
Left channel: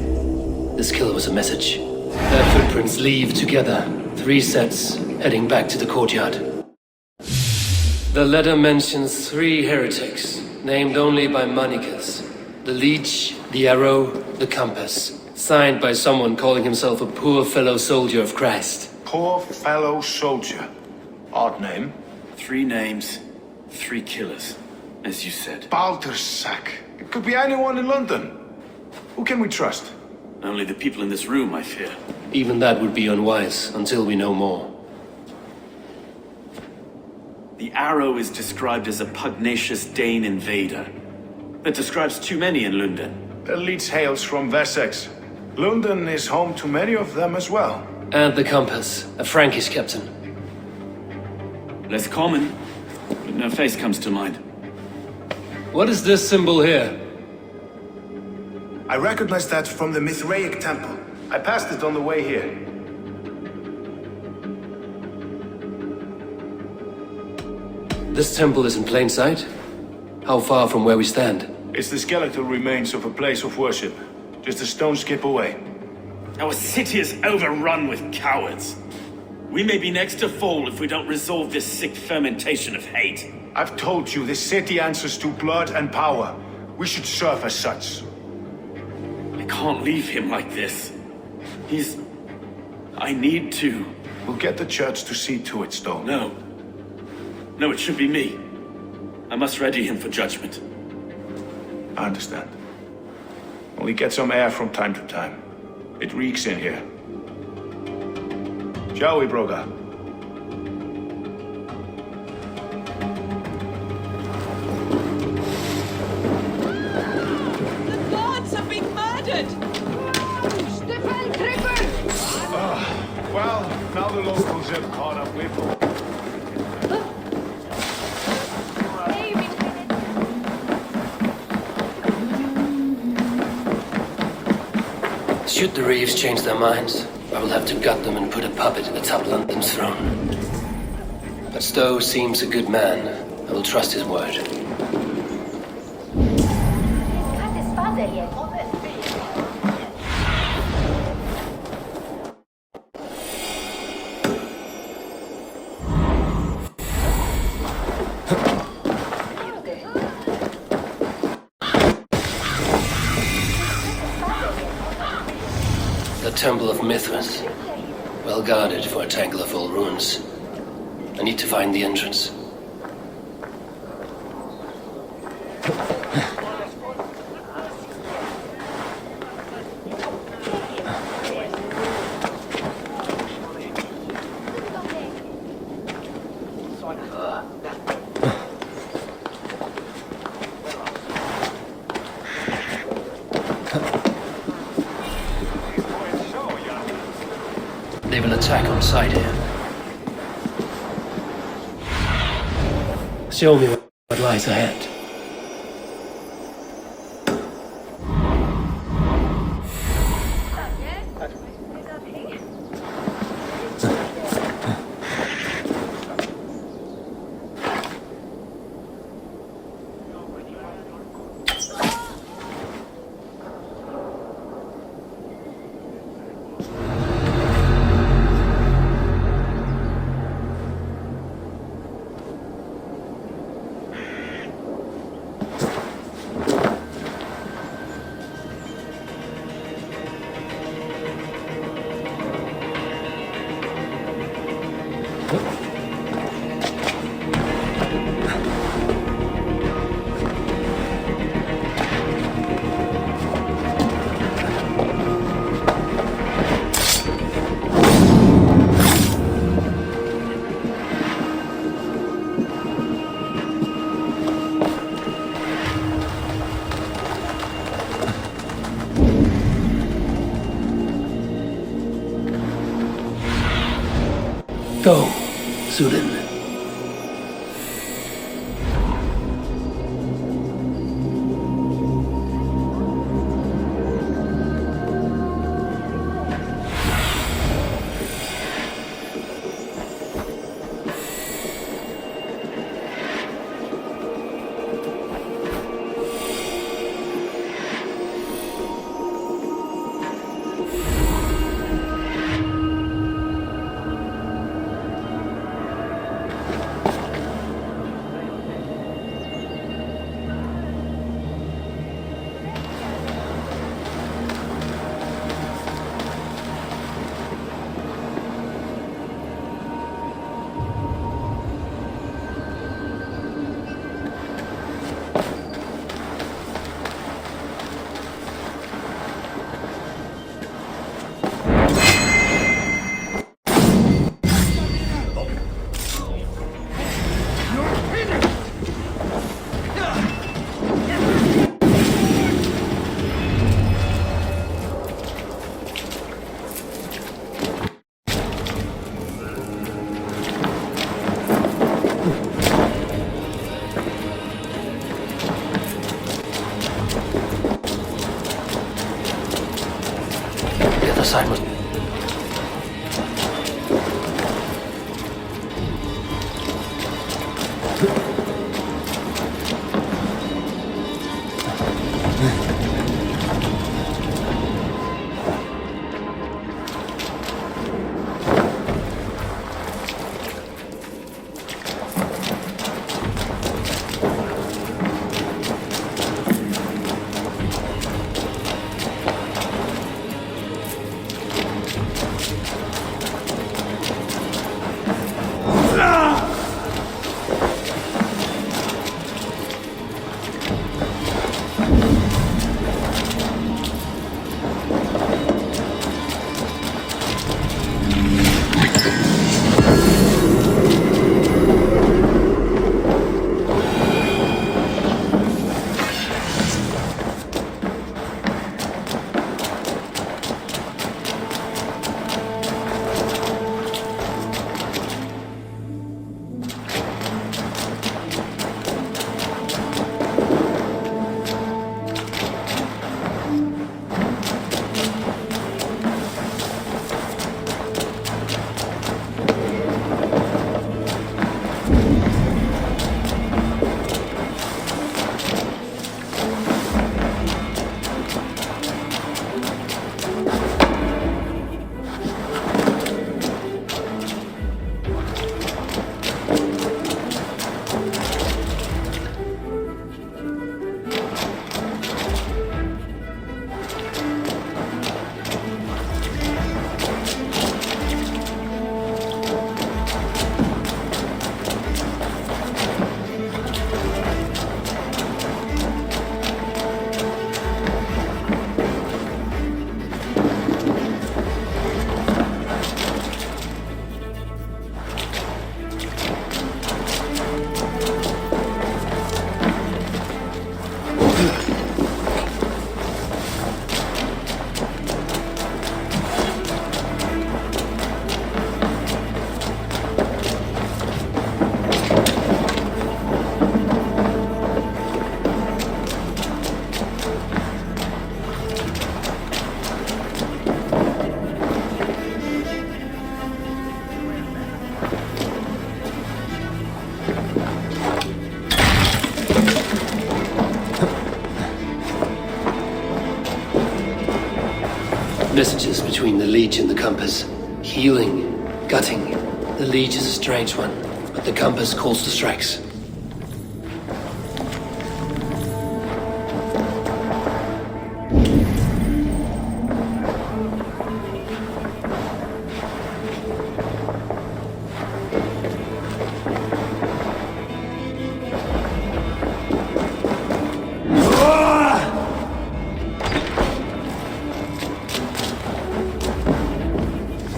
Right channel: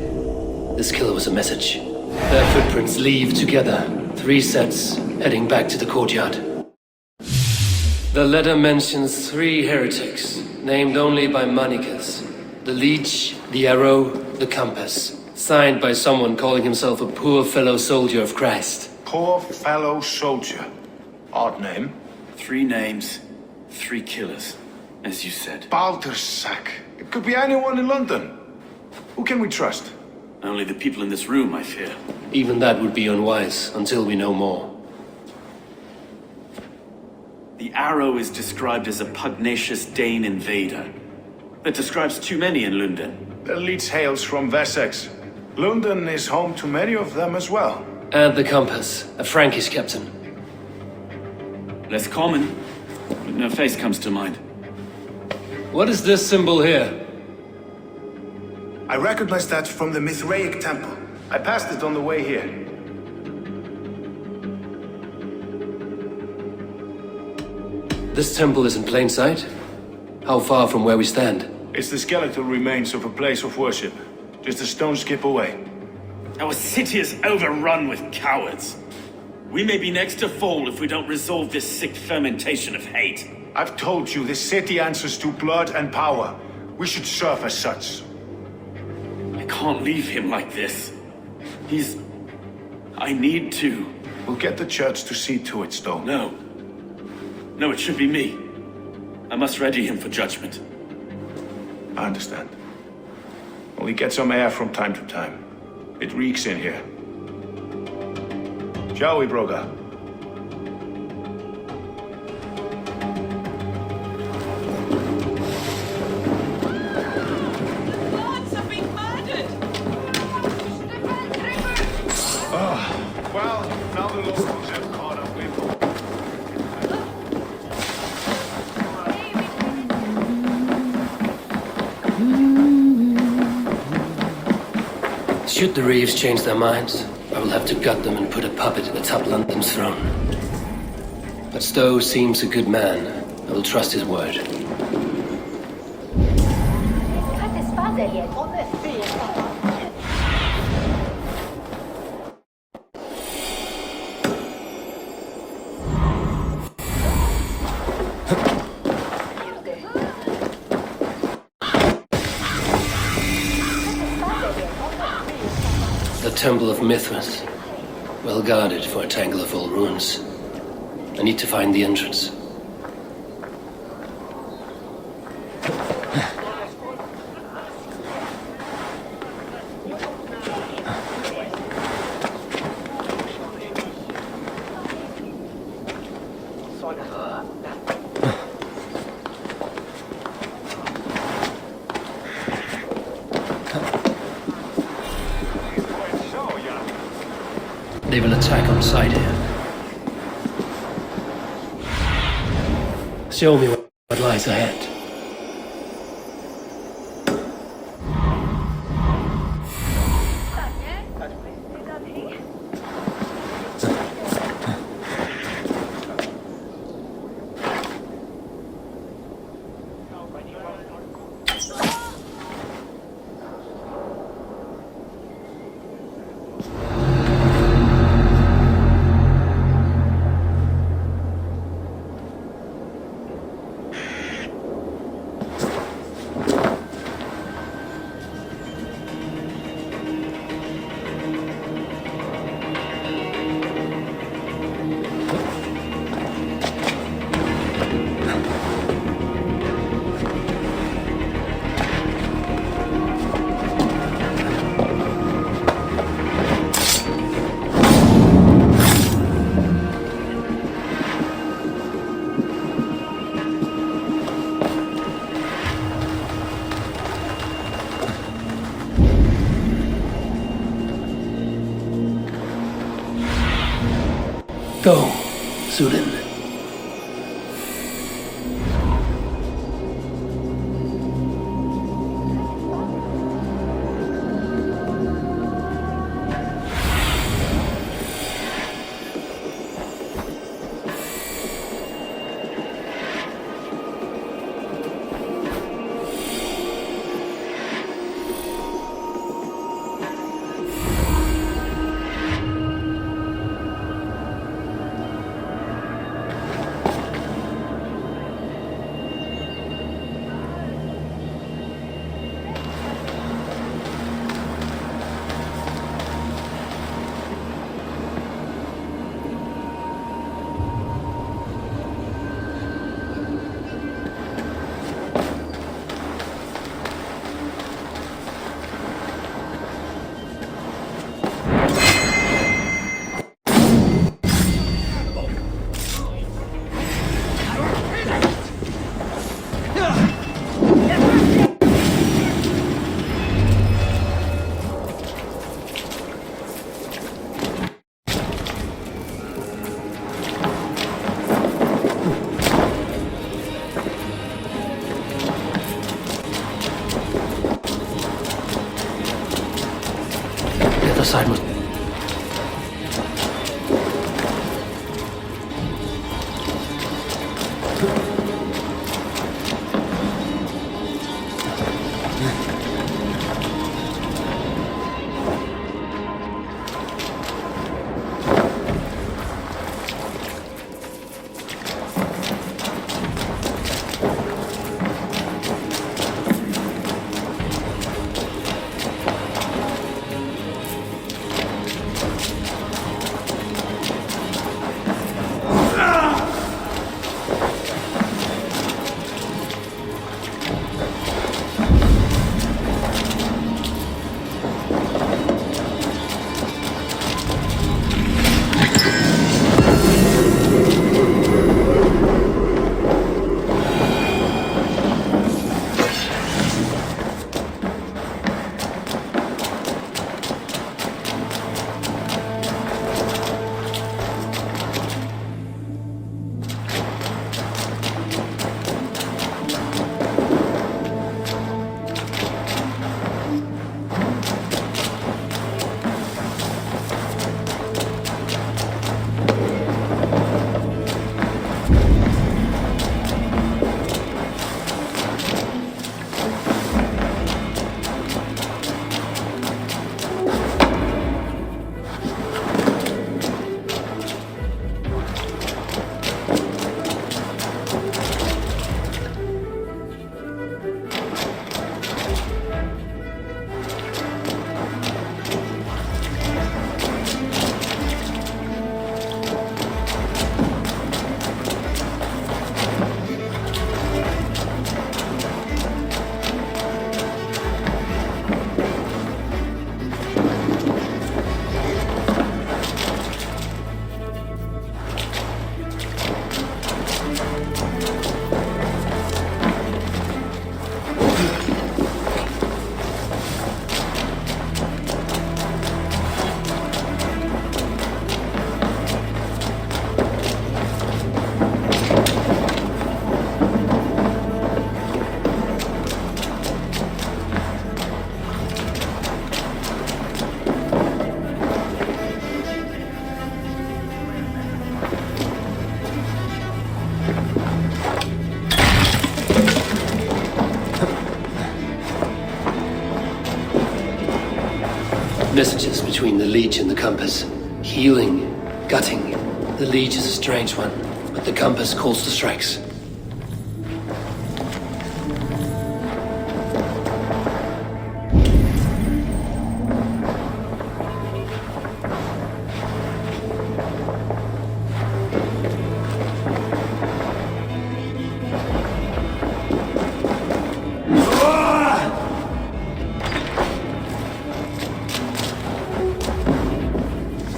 This kill was a message. Their footprints leave together. 3 sets, heading back to the courtyard. The letter mentions 3 heretics, named only by Manikas. The leech, the arrow, the compass. Signed by someone calling himself a poor fellow soldier of Christ. Poor fellow soldier. Odd name. 3 names, 3 killers, as you said. Baldersack. It could be anyone in London. Who can we trust? Only the people in this room, I fear. Even that would be unwise, until we know more. The arrow is described as a pugnacious Dane invader. That describes too many in London. The leech hails from Wessex. London is home to many of them as well. And the compass, a Frankish captain. Less common, but no face comes to mind. What is this symbol here? I recognize that from the Mithraic temple. I passed it on the way here. This temple is in plain sight? How far from where we stand? It's the skeletal remains of a place of worship. Just a stone's skip away. Our city is overrun with cowards. We may be next to fall if we don't resolve this sick fermentation of hate. I've told you, this city answers to blood and power. We should serve as such. I can't leave him like this. I need to. We'll get the church to see to it, Stone. No. No, it should be me. I must ready him for judgment. I understand. Only get some air from time to time. It reeks in here. Shall we, Broga? Well, now the locals have caught up with them. Should the Reeves change their minds, I will have to gut them and put a puppet atop London's throne. But Stowe seems a good man. I will trust his word. The Temple of Mithras. Well guarded for a tangle of old ruins. I need to find the entrance. They will attack on sight here. Show me what lies ahead. go, Zulin. The other side must... Messages between the leech and the compass. Healing, gutting. The leech is a strange one, but the compass calls to strikes.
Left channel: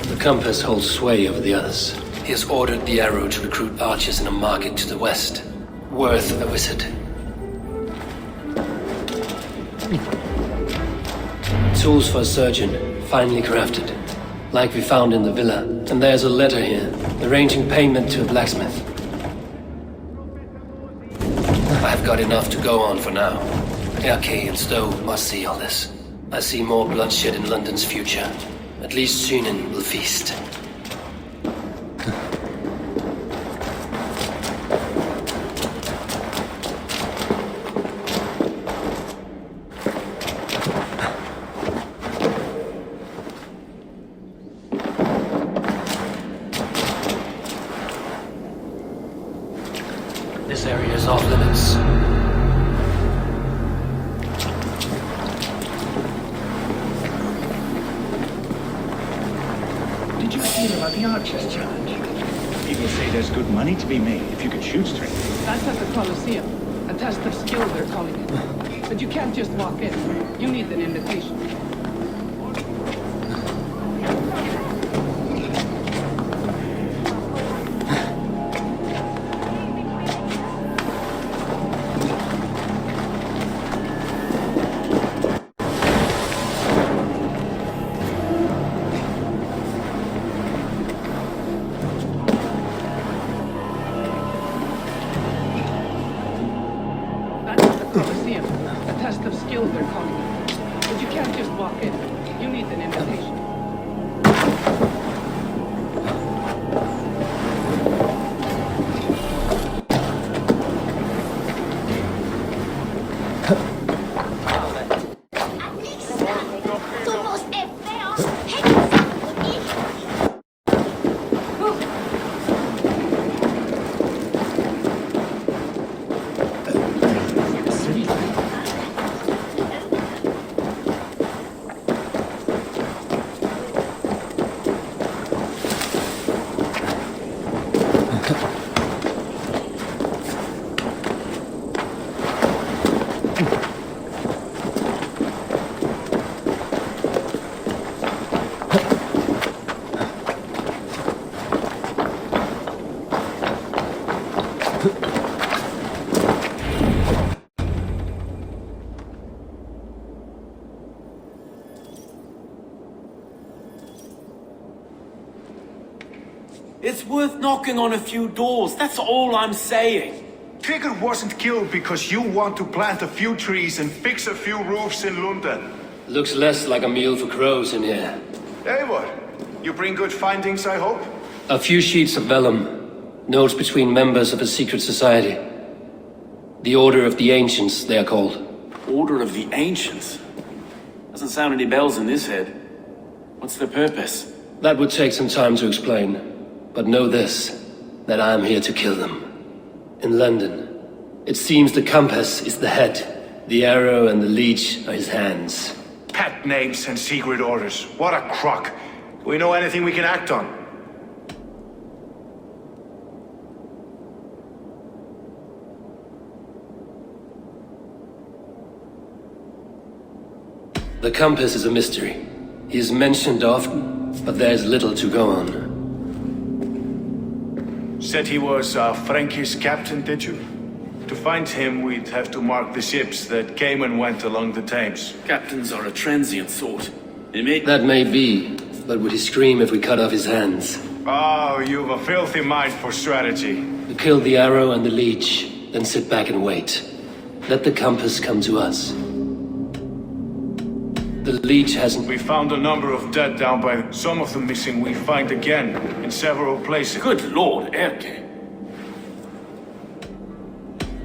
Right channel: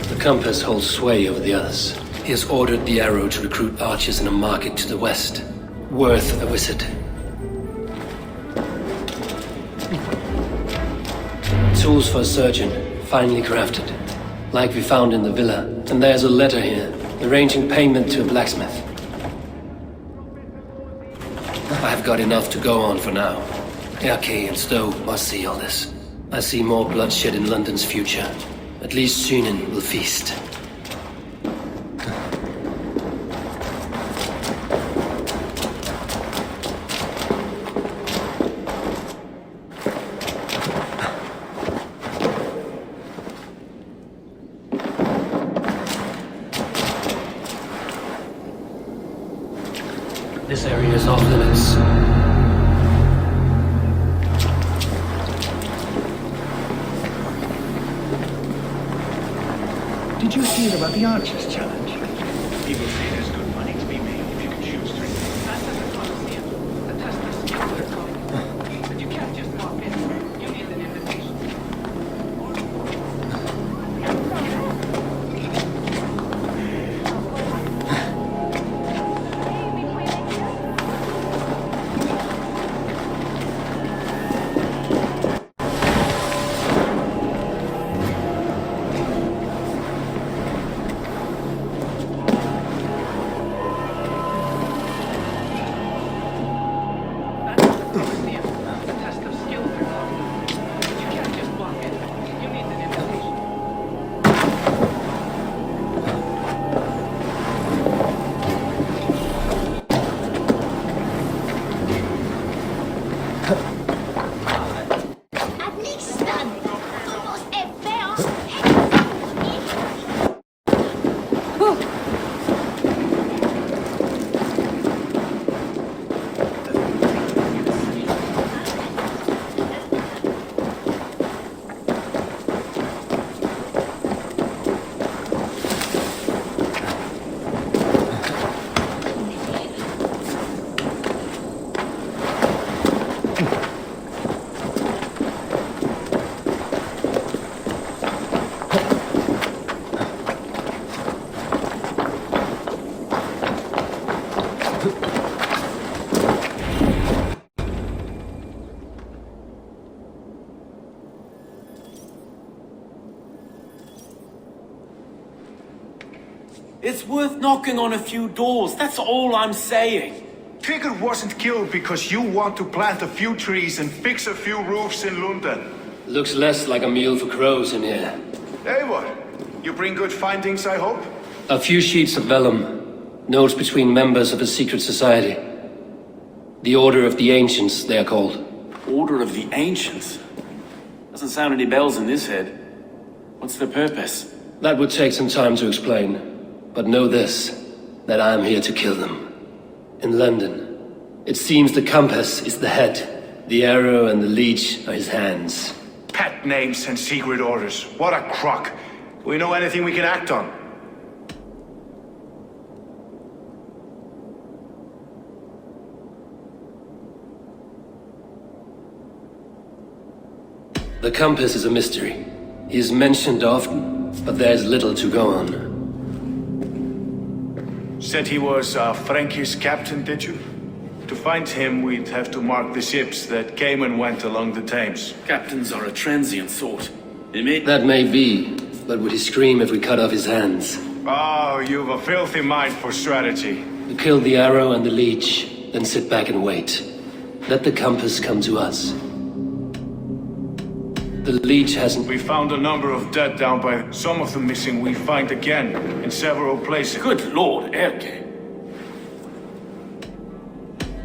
The compass holds sway over the others. He has ordered the arrow to recruit archers in a market to the west. Worth a visit. Tools for a surgeon, finely crafted. Like we found in the villa. And there's a letter here. Arranging payment to a blacksmith. I've got enough to go on for now. Dcoy and Stowe must see all this. I see more bloodshed in London's future. At least Sunan will feast. This area is off limits. Did you hear about the Archers Challenge? People say there's good money to be made if you can shoot straight. That's at the Colosseum. A test of skill, they're calling it. But you can't just walk in. You need an invitation. Colosseum. A test of skill, they're calling it. But you can't just walk in. You need an invitation. It's worth knocking on a few doors, that's all I'm saying. Tigger wasn't killed because you want to plant a few trees and fix a few roofs in London. Looks less like a meal for crows in here. Hey, what? You bring good findings, I hope? A few sheets of vellum. Notes between members of a secret society. The Order of the Ancients, they are called. Order of the Ancients? Doesn't sound any bells in this head. What's their purpose? That would take some time to explain. But know this, that I am here to kill them. In London, it seems the compass is the head. The arrow and the leech are his hands. Pet names and secret orders. What a crock. Do we know anything we can act on? The compass is a mystery. He is mentioned often, but there's little to go on. Said he was a Frankish captain, did you? To find him, we'd have to mark the ships that came and went along the Thames. Captains are a transient sort. They may... That may be, but would he scream if we cut off his hands? Oh, you've a filthy mind for strategy. We kill the arrow and the leech, then sit back and wait. Let the compass come to us. The leech hasn't... We found a number of dead down by... Some of them missing we find again, in several places. Good lord, Erke.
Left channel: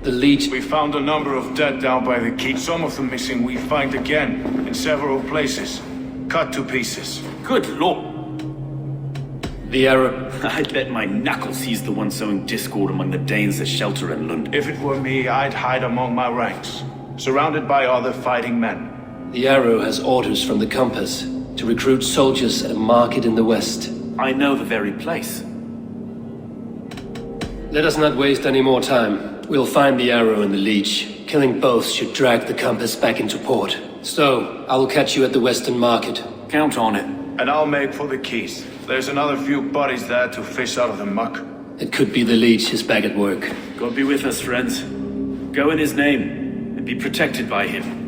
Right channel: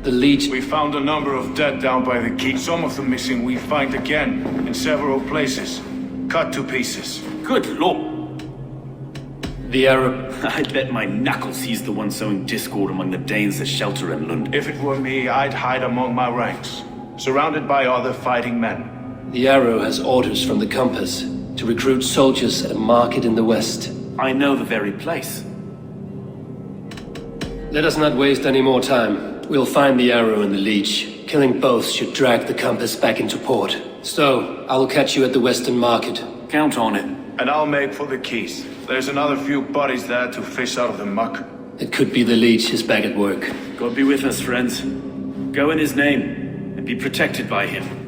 The leech... We found a number of dead down by the keep. Some of them missing we find again, in several places. Cut to pieces. Good lord. The arrow... I bet my knuckles he's the one sowing discord among the Danes that shelter in London. If it were me, I'd hide among my ranks, surrounded by other fighting men. The arrow has orders from the compass to recruit soldiers at a market in the west. I know the very place. Let us not waste any more time. We'll find the arrow and the leech. Killing both should drag the compass back into port. So, I will catch you at the western market. Count on it. And I'll make for the keys. There's another few bodies there to fish out of the muck. It could be the leech is back at work. God be with us, friends. Go in his name, and be protected by him.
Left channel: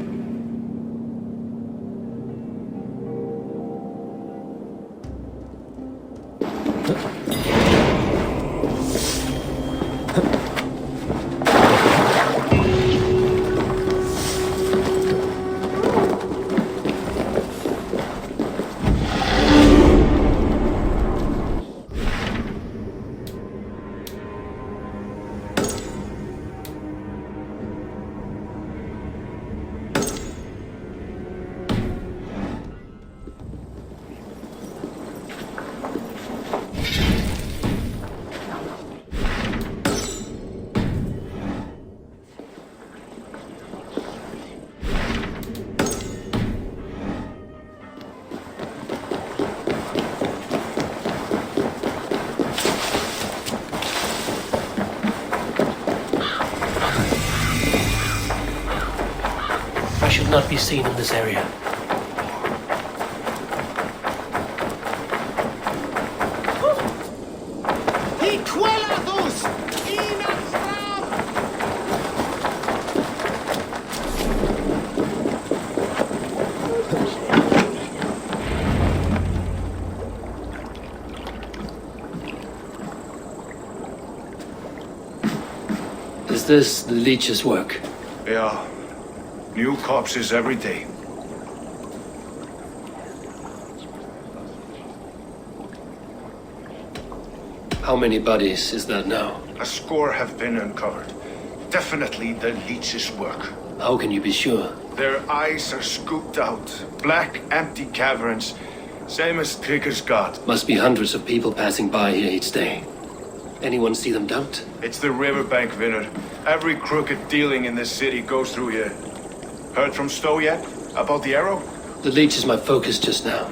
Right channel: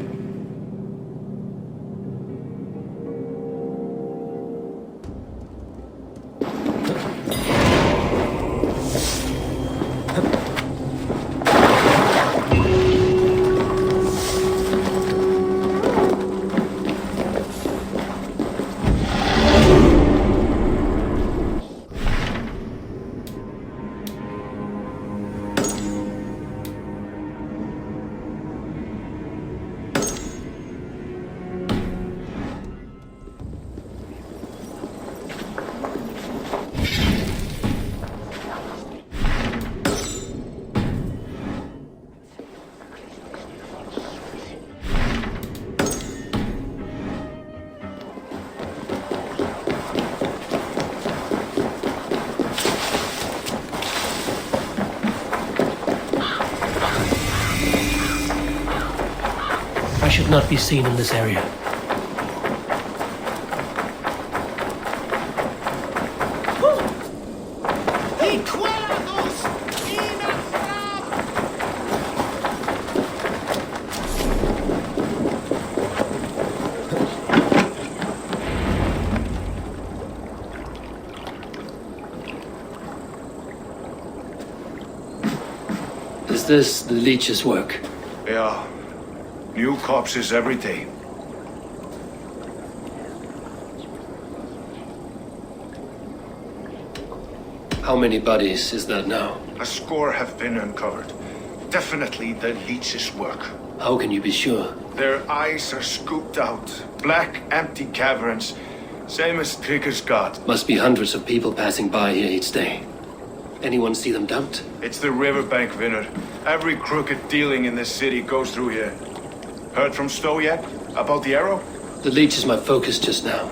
I should not be seen in this area. Is this the leech's work? Yeah. New corpses every day. How many bodies is that now? A score have been uncovered. Definitely the leech's work. How can you be sure? Their eyes are scooped out. Black, empty caverns. Same as Trigger's god. Must be hundreds of people passing by here each day. Anyone see them dumped? It's the riverbank, Vinner. Every crooked dealing in this city goes through here. Heard from Stowe yet? About the arrow? The leech is my focus just now.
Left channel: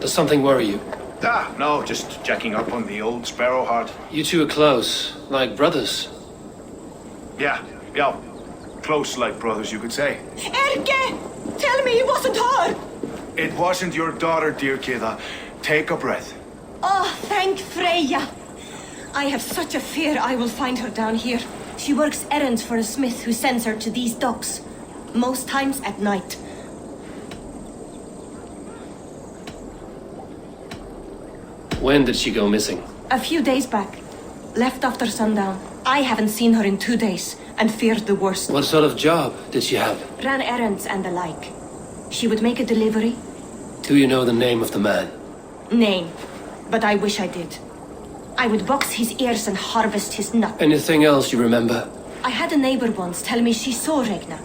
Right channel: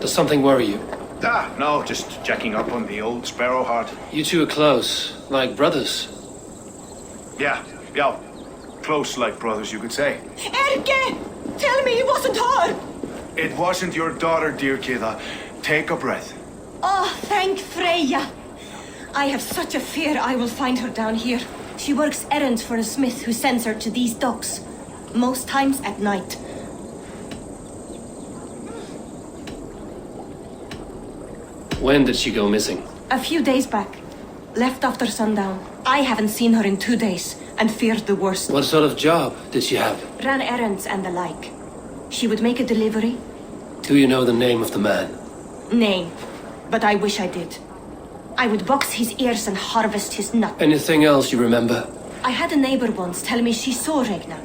Does something worry you? Ah, no, just checking up on the old Sparrowheart. You two are close, like brothers. Yeah. Close like brothers, you could say. Erke! Tell me it wasn't her! It wasn't your daughter, dear Kida. Take a breath. Oh, thank Freya. I have such a fear I will find her down here. She works errands for a smith who sends her to these docks. Most times at night. When did she go missing? A few days back. Left after sundown. I haven't seen her in 2 days and feared the worst. What sort of job did she have? Ran errands and the like. She would make a delivery. Do you know the name of the man? Name. But I wish I did. I would box his ears and harvest his nut. Anything else you remember? I had a neighbor once tell me she saw Regna,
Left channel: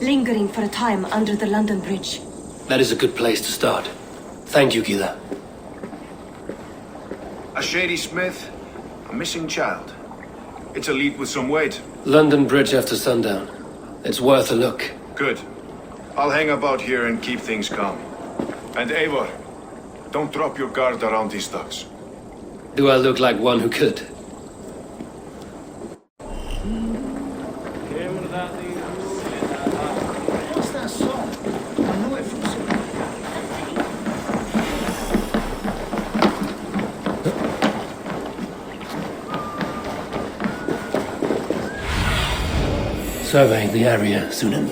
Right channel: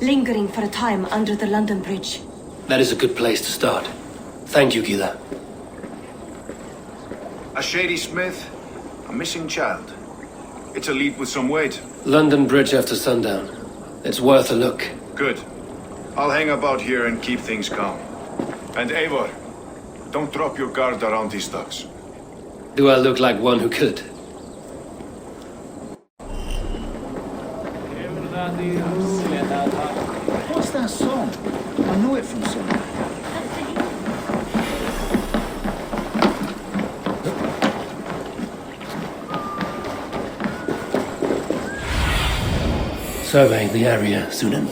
lingering for a time under the London Bridge. That is a good place to start. Thank you, Gila. A shady smith, a missing child. It's a lead with some weight. London Bridge after sundown. It's worth a look. Good. I'll hang about here and keep things calm. And Eivor, don't drop your guard around these docks. Do I look like one who could? What's that song? I know it from somewhere. Survey the area, Sunan.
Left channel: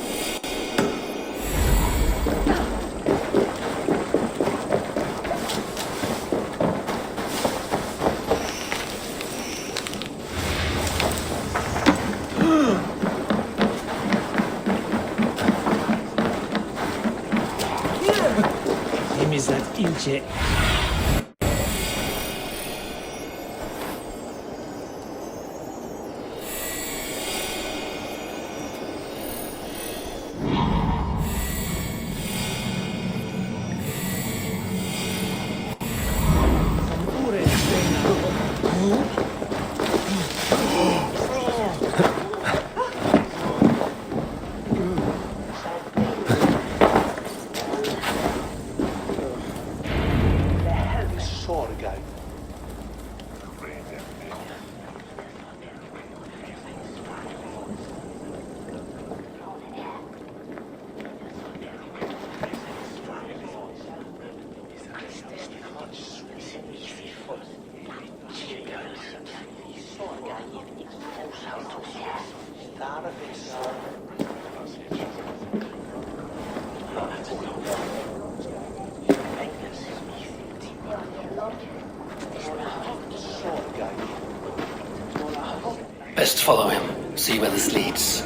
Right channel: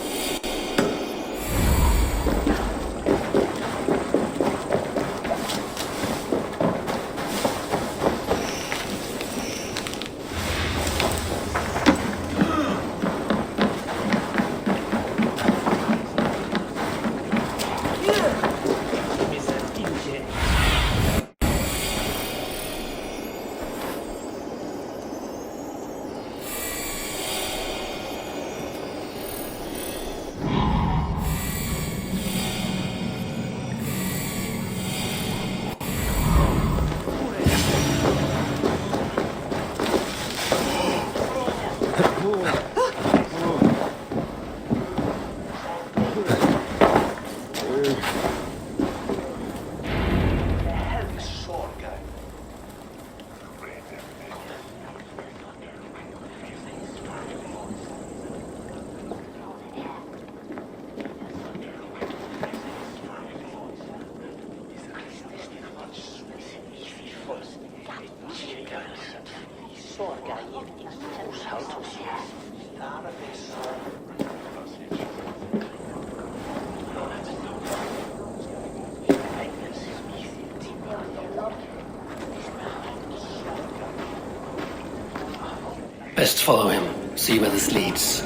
Best follow him, see where this leads.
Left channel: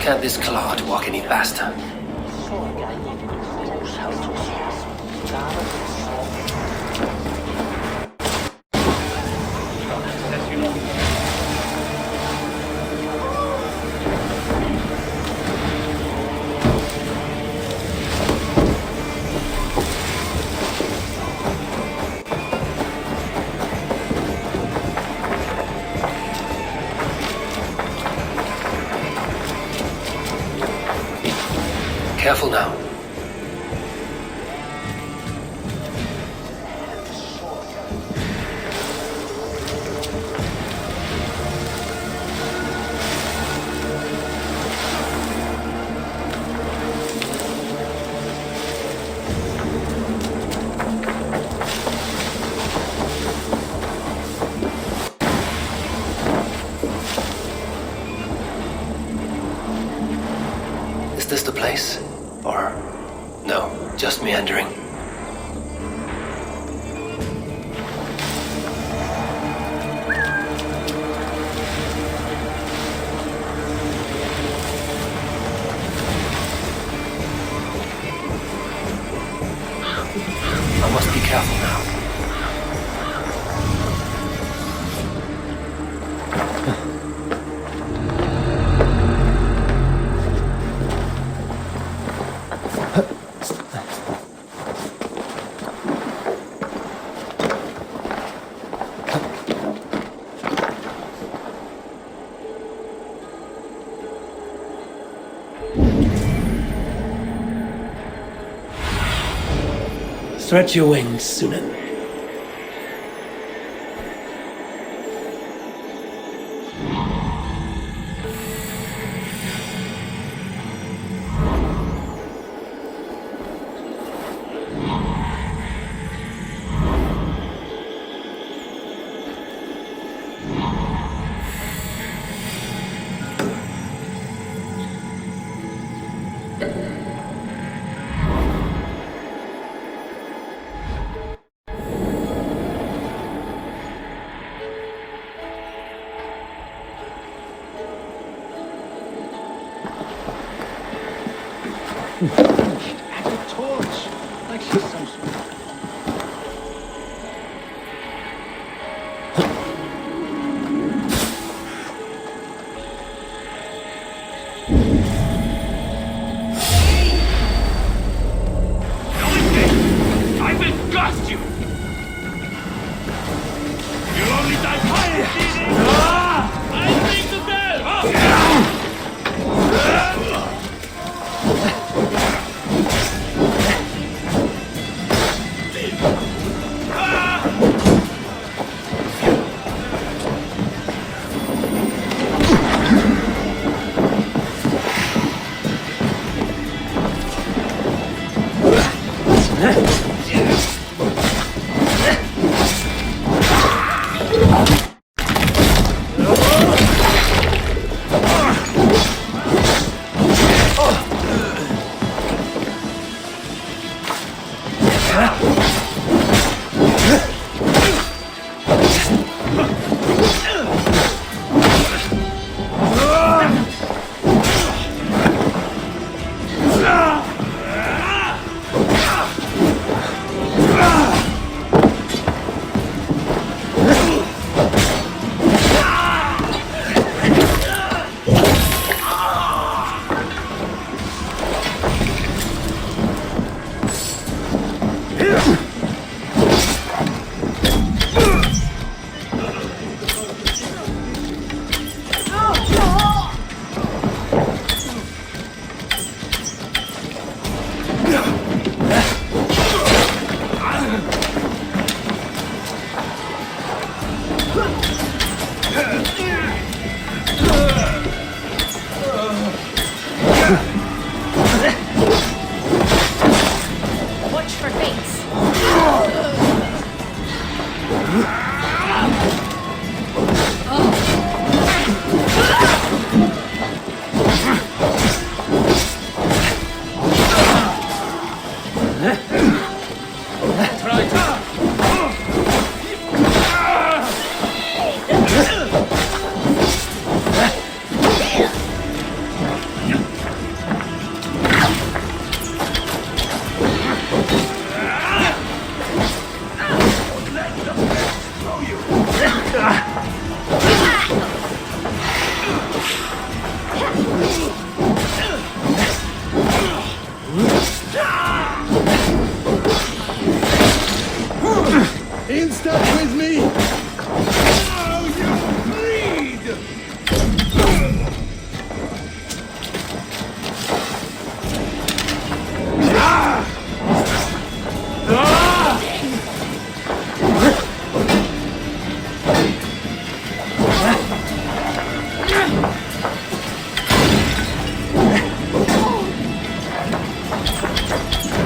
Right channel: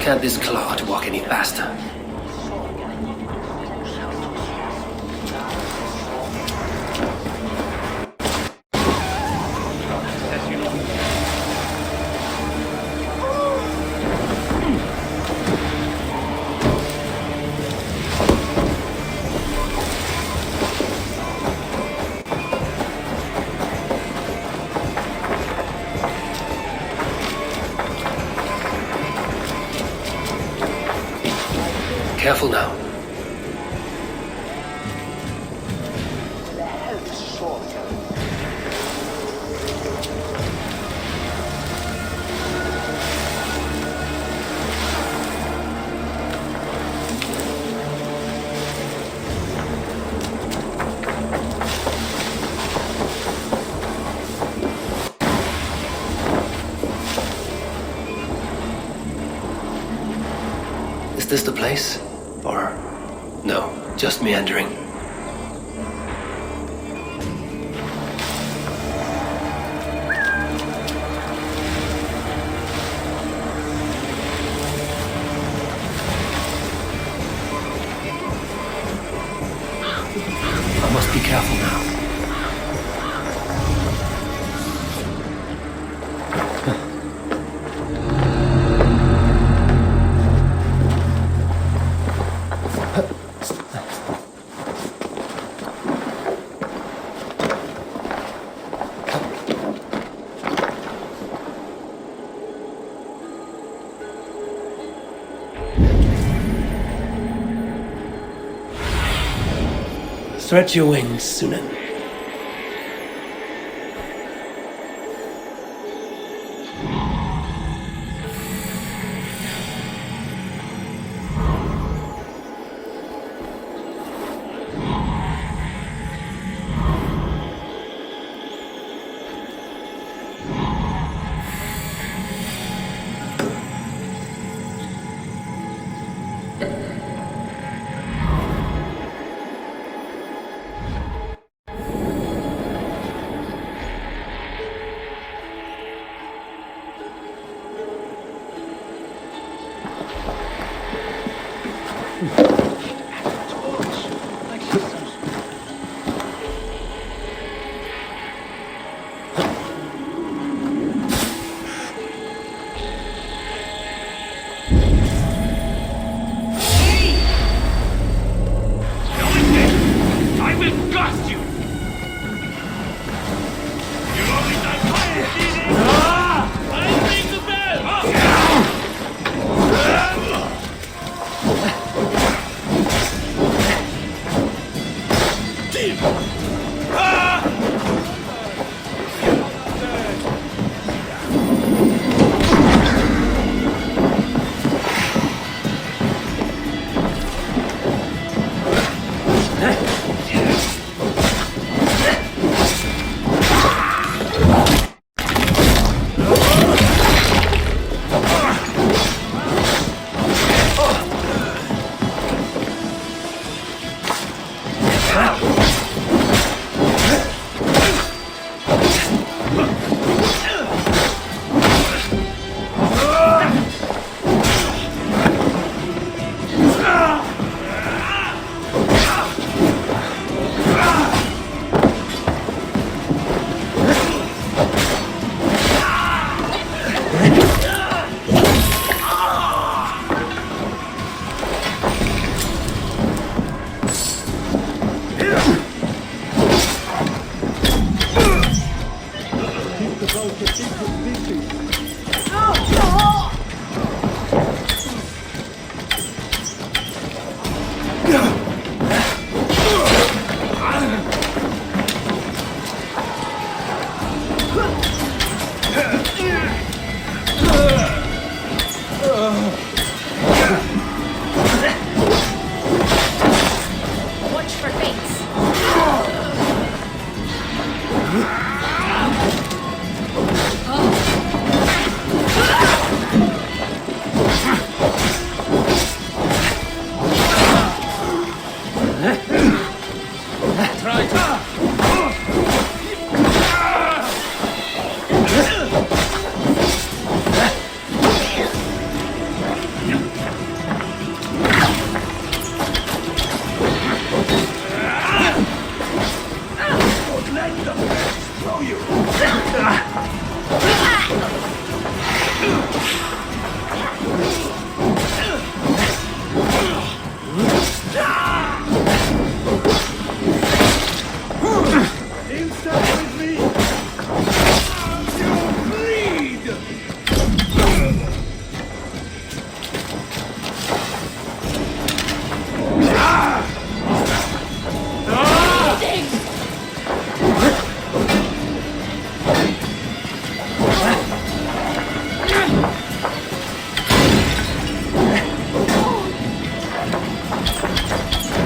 Can't this clod walk any faster? Careful now. Is this the place? Or... no, just meandering. I must be careful now. Stretch your wings, Sunan.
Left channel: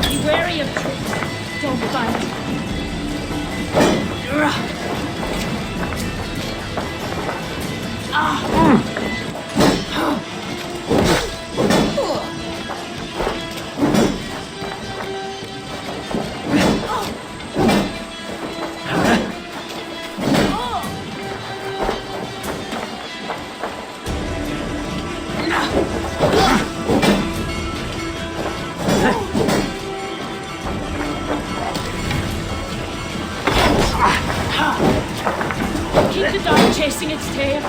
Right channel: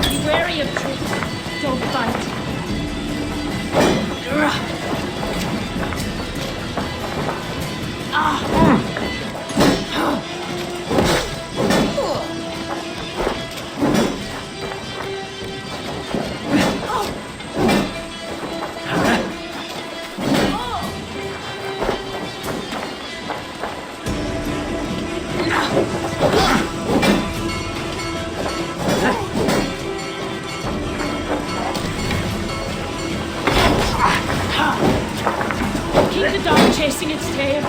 Be wary of tricks. Don't bite. Keep the dog chasing its tail.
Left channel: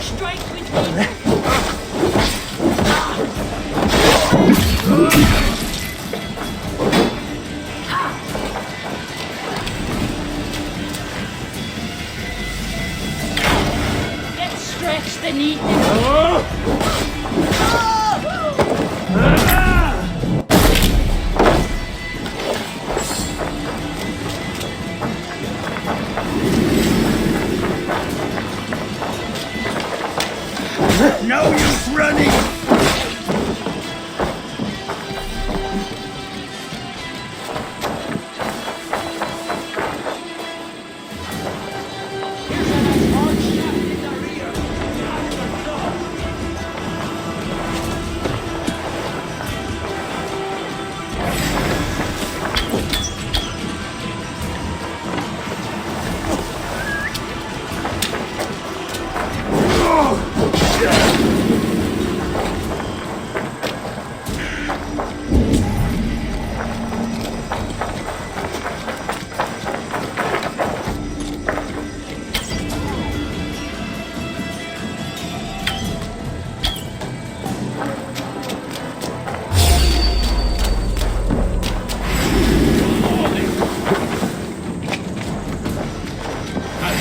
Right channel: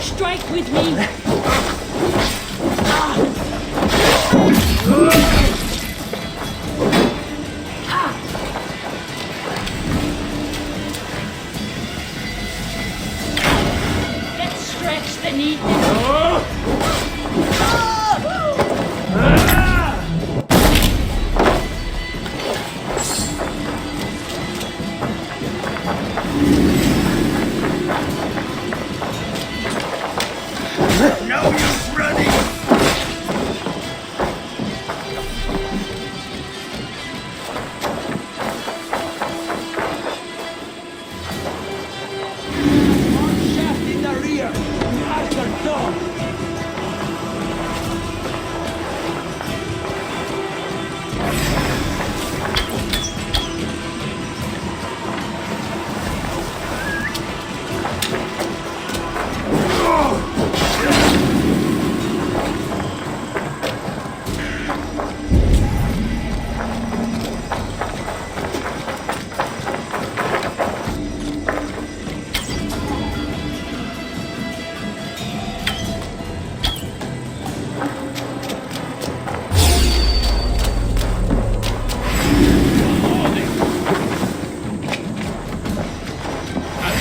Strike with me. Let's stretch the knee. No use running!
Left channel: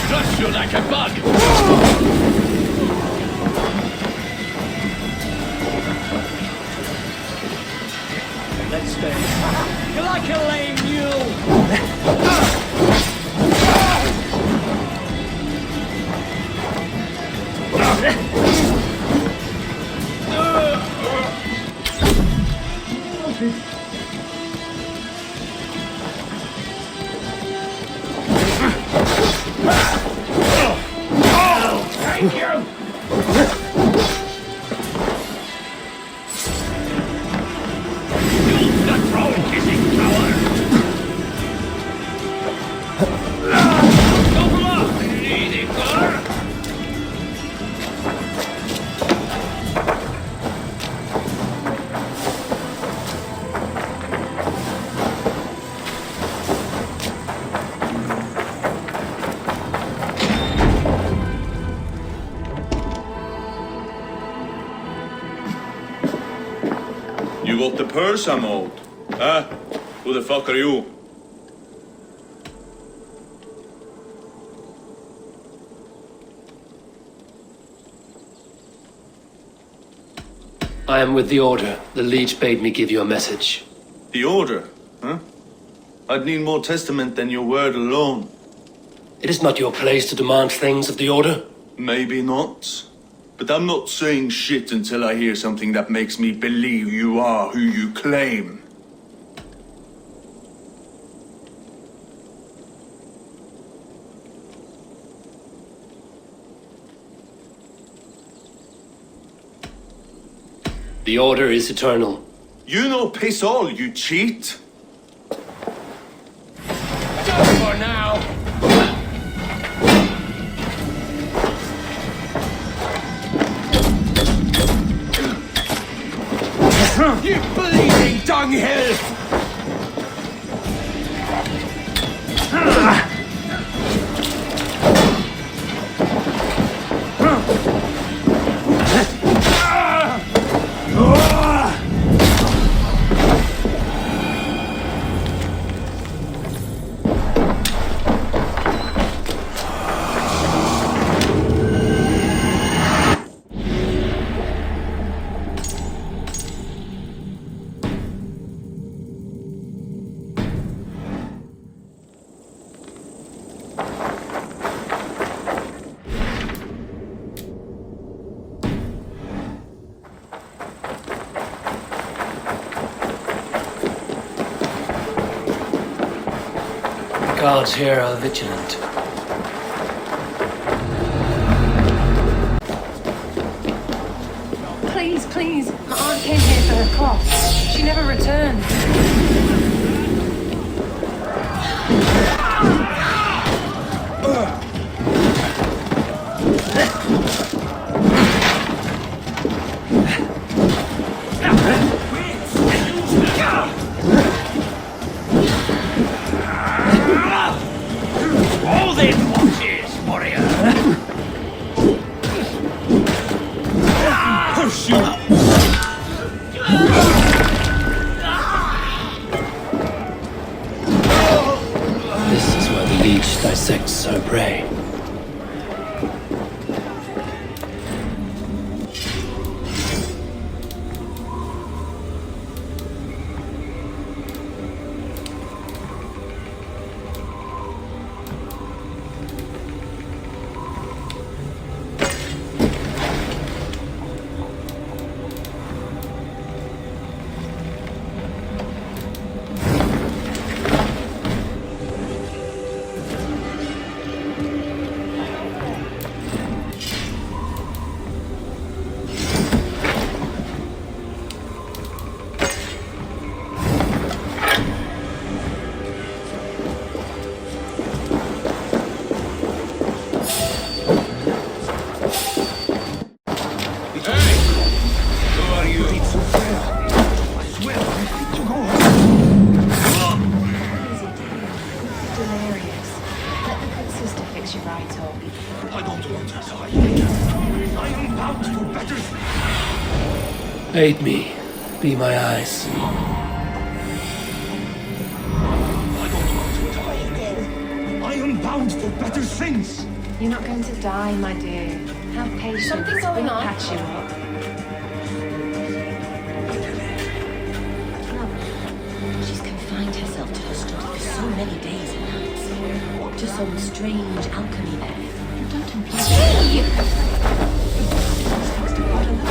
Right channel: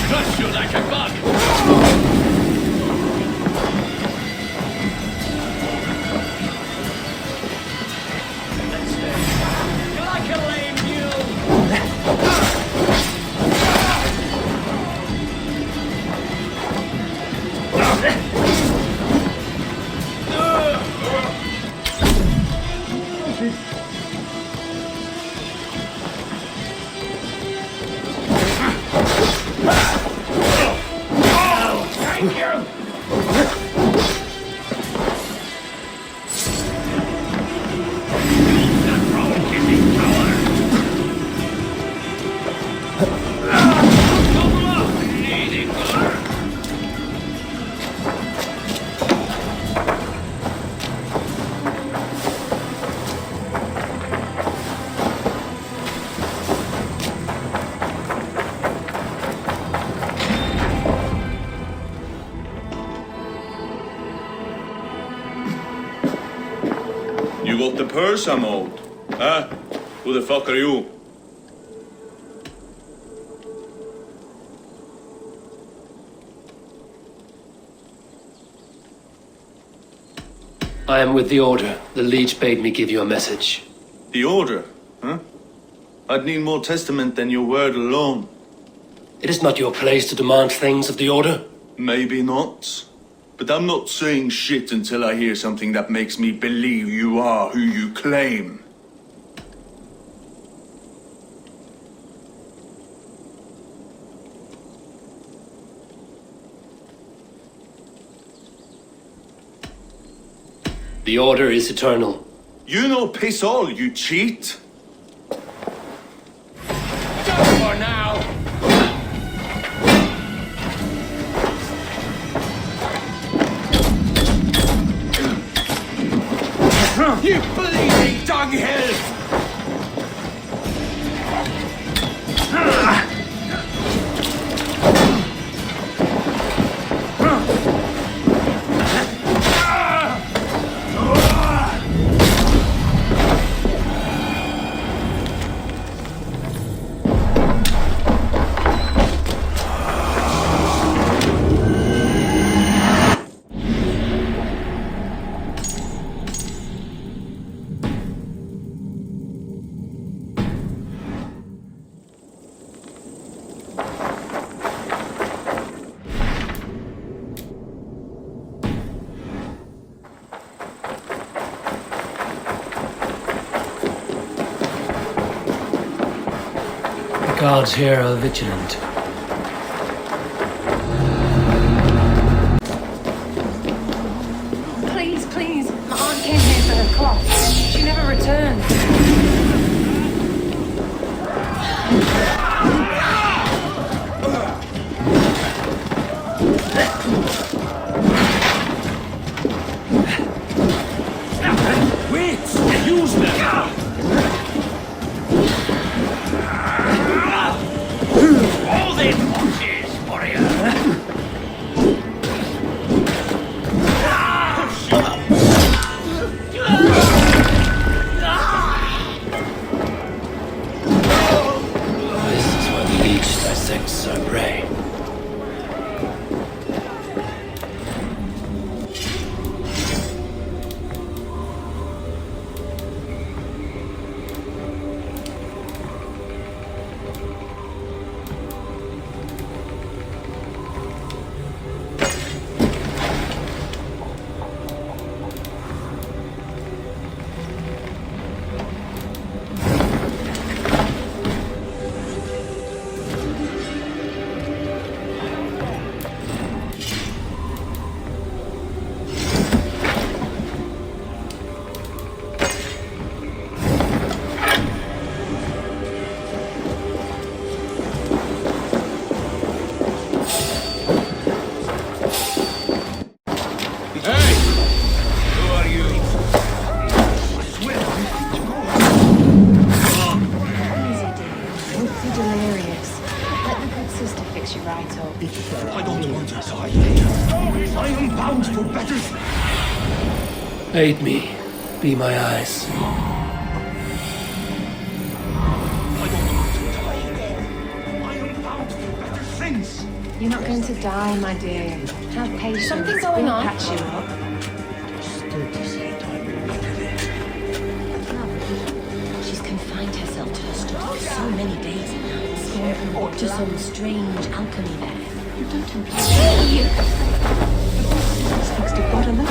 Crush you like a bug! Let's stay. You're like a lame mule! Thank you! Use the troll-kissing coward! Double up, lady girl! You got the purse I'm owed? Huh? Who the fuck are you? I am with the Order. The Leech bade me give you a message. The Order? Huh? I'd need more testament than your word alone. It is not your place to demand things of the Order. Maybe not. But I'm not saying shit until I hear something that makes me believe you are who you claim. The Order is eternal. You know piss all, you cheat! Done for now! You bleeding dunghill! Guards here are vigilant. Please, please. My aunt came here for her cough. She never returned. This is where the leech dissects her prey. Aid me. Be my eyes. I don't want to die again. I am bound for better things. You're not going to die, my dear. Have patience. Something going We'll on? patch you up. Love, she's confined herself to her study for so many days and nights. To some strange alchemy there. You don't imply. Hey! Thanks to God alone.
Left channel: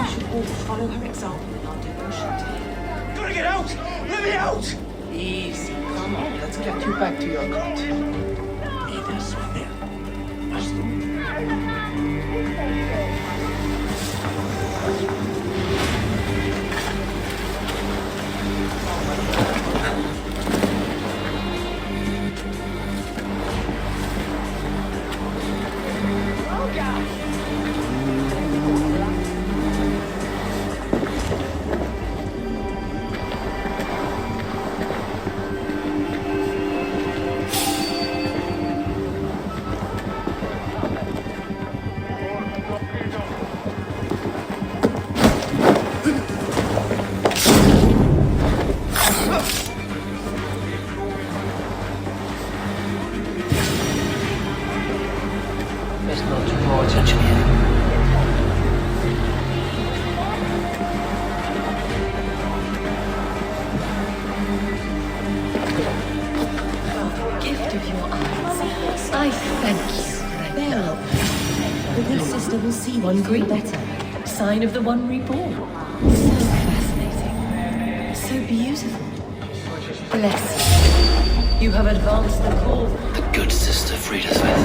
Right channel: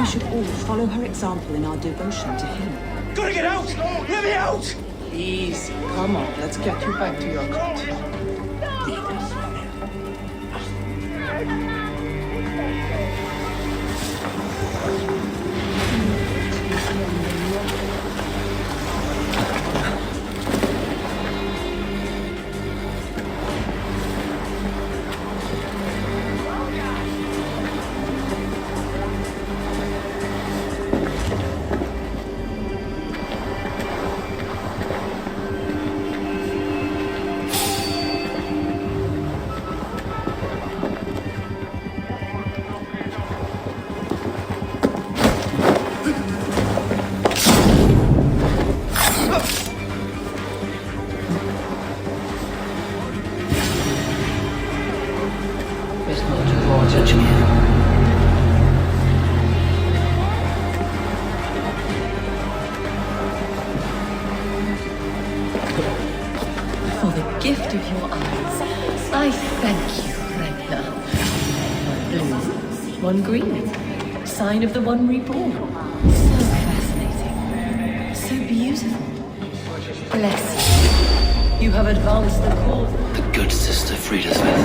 We should all follow her example in our devotion to him. Gotta get out! Let me out! Easy. Come on, let's get you back to your cot. Lead us, Best not to draw attention here. For the gift of your eyes, I thank you, Ragnar. One blue, one green. Sign of the one reborn. So fascinating. So beautiful. Bless you. You have advanced the cause. The good sister Frida Smith.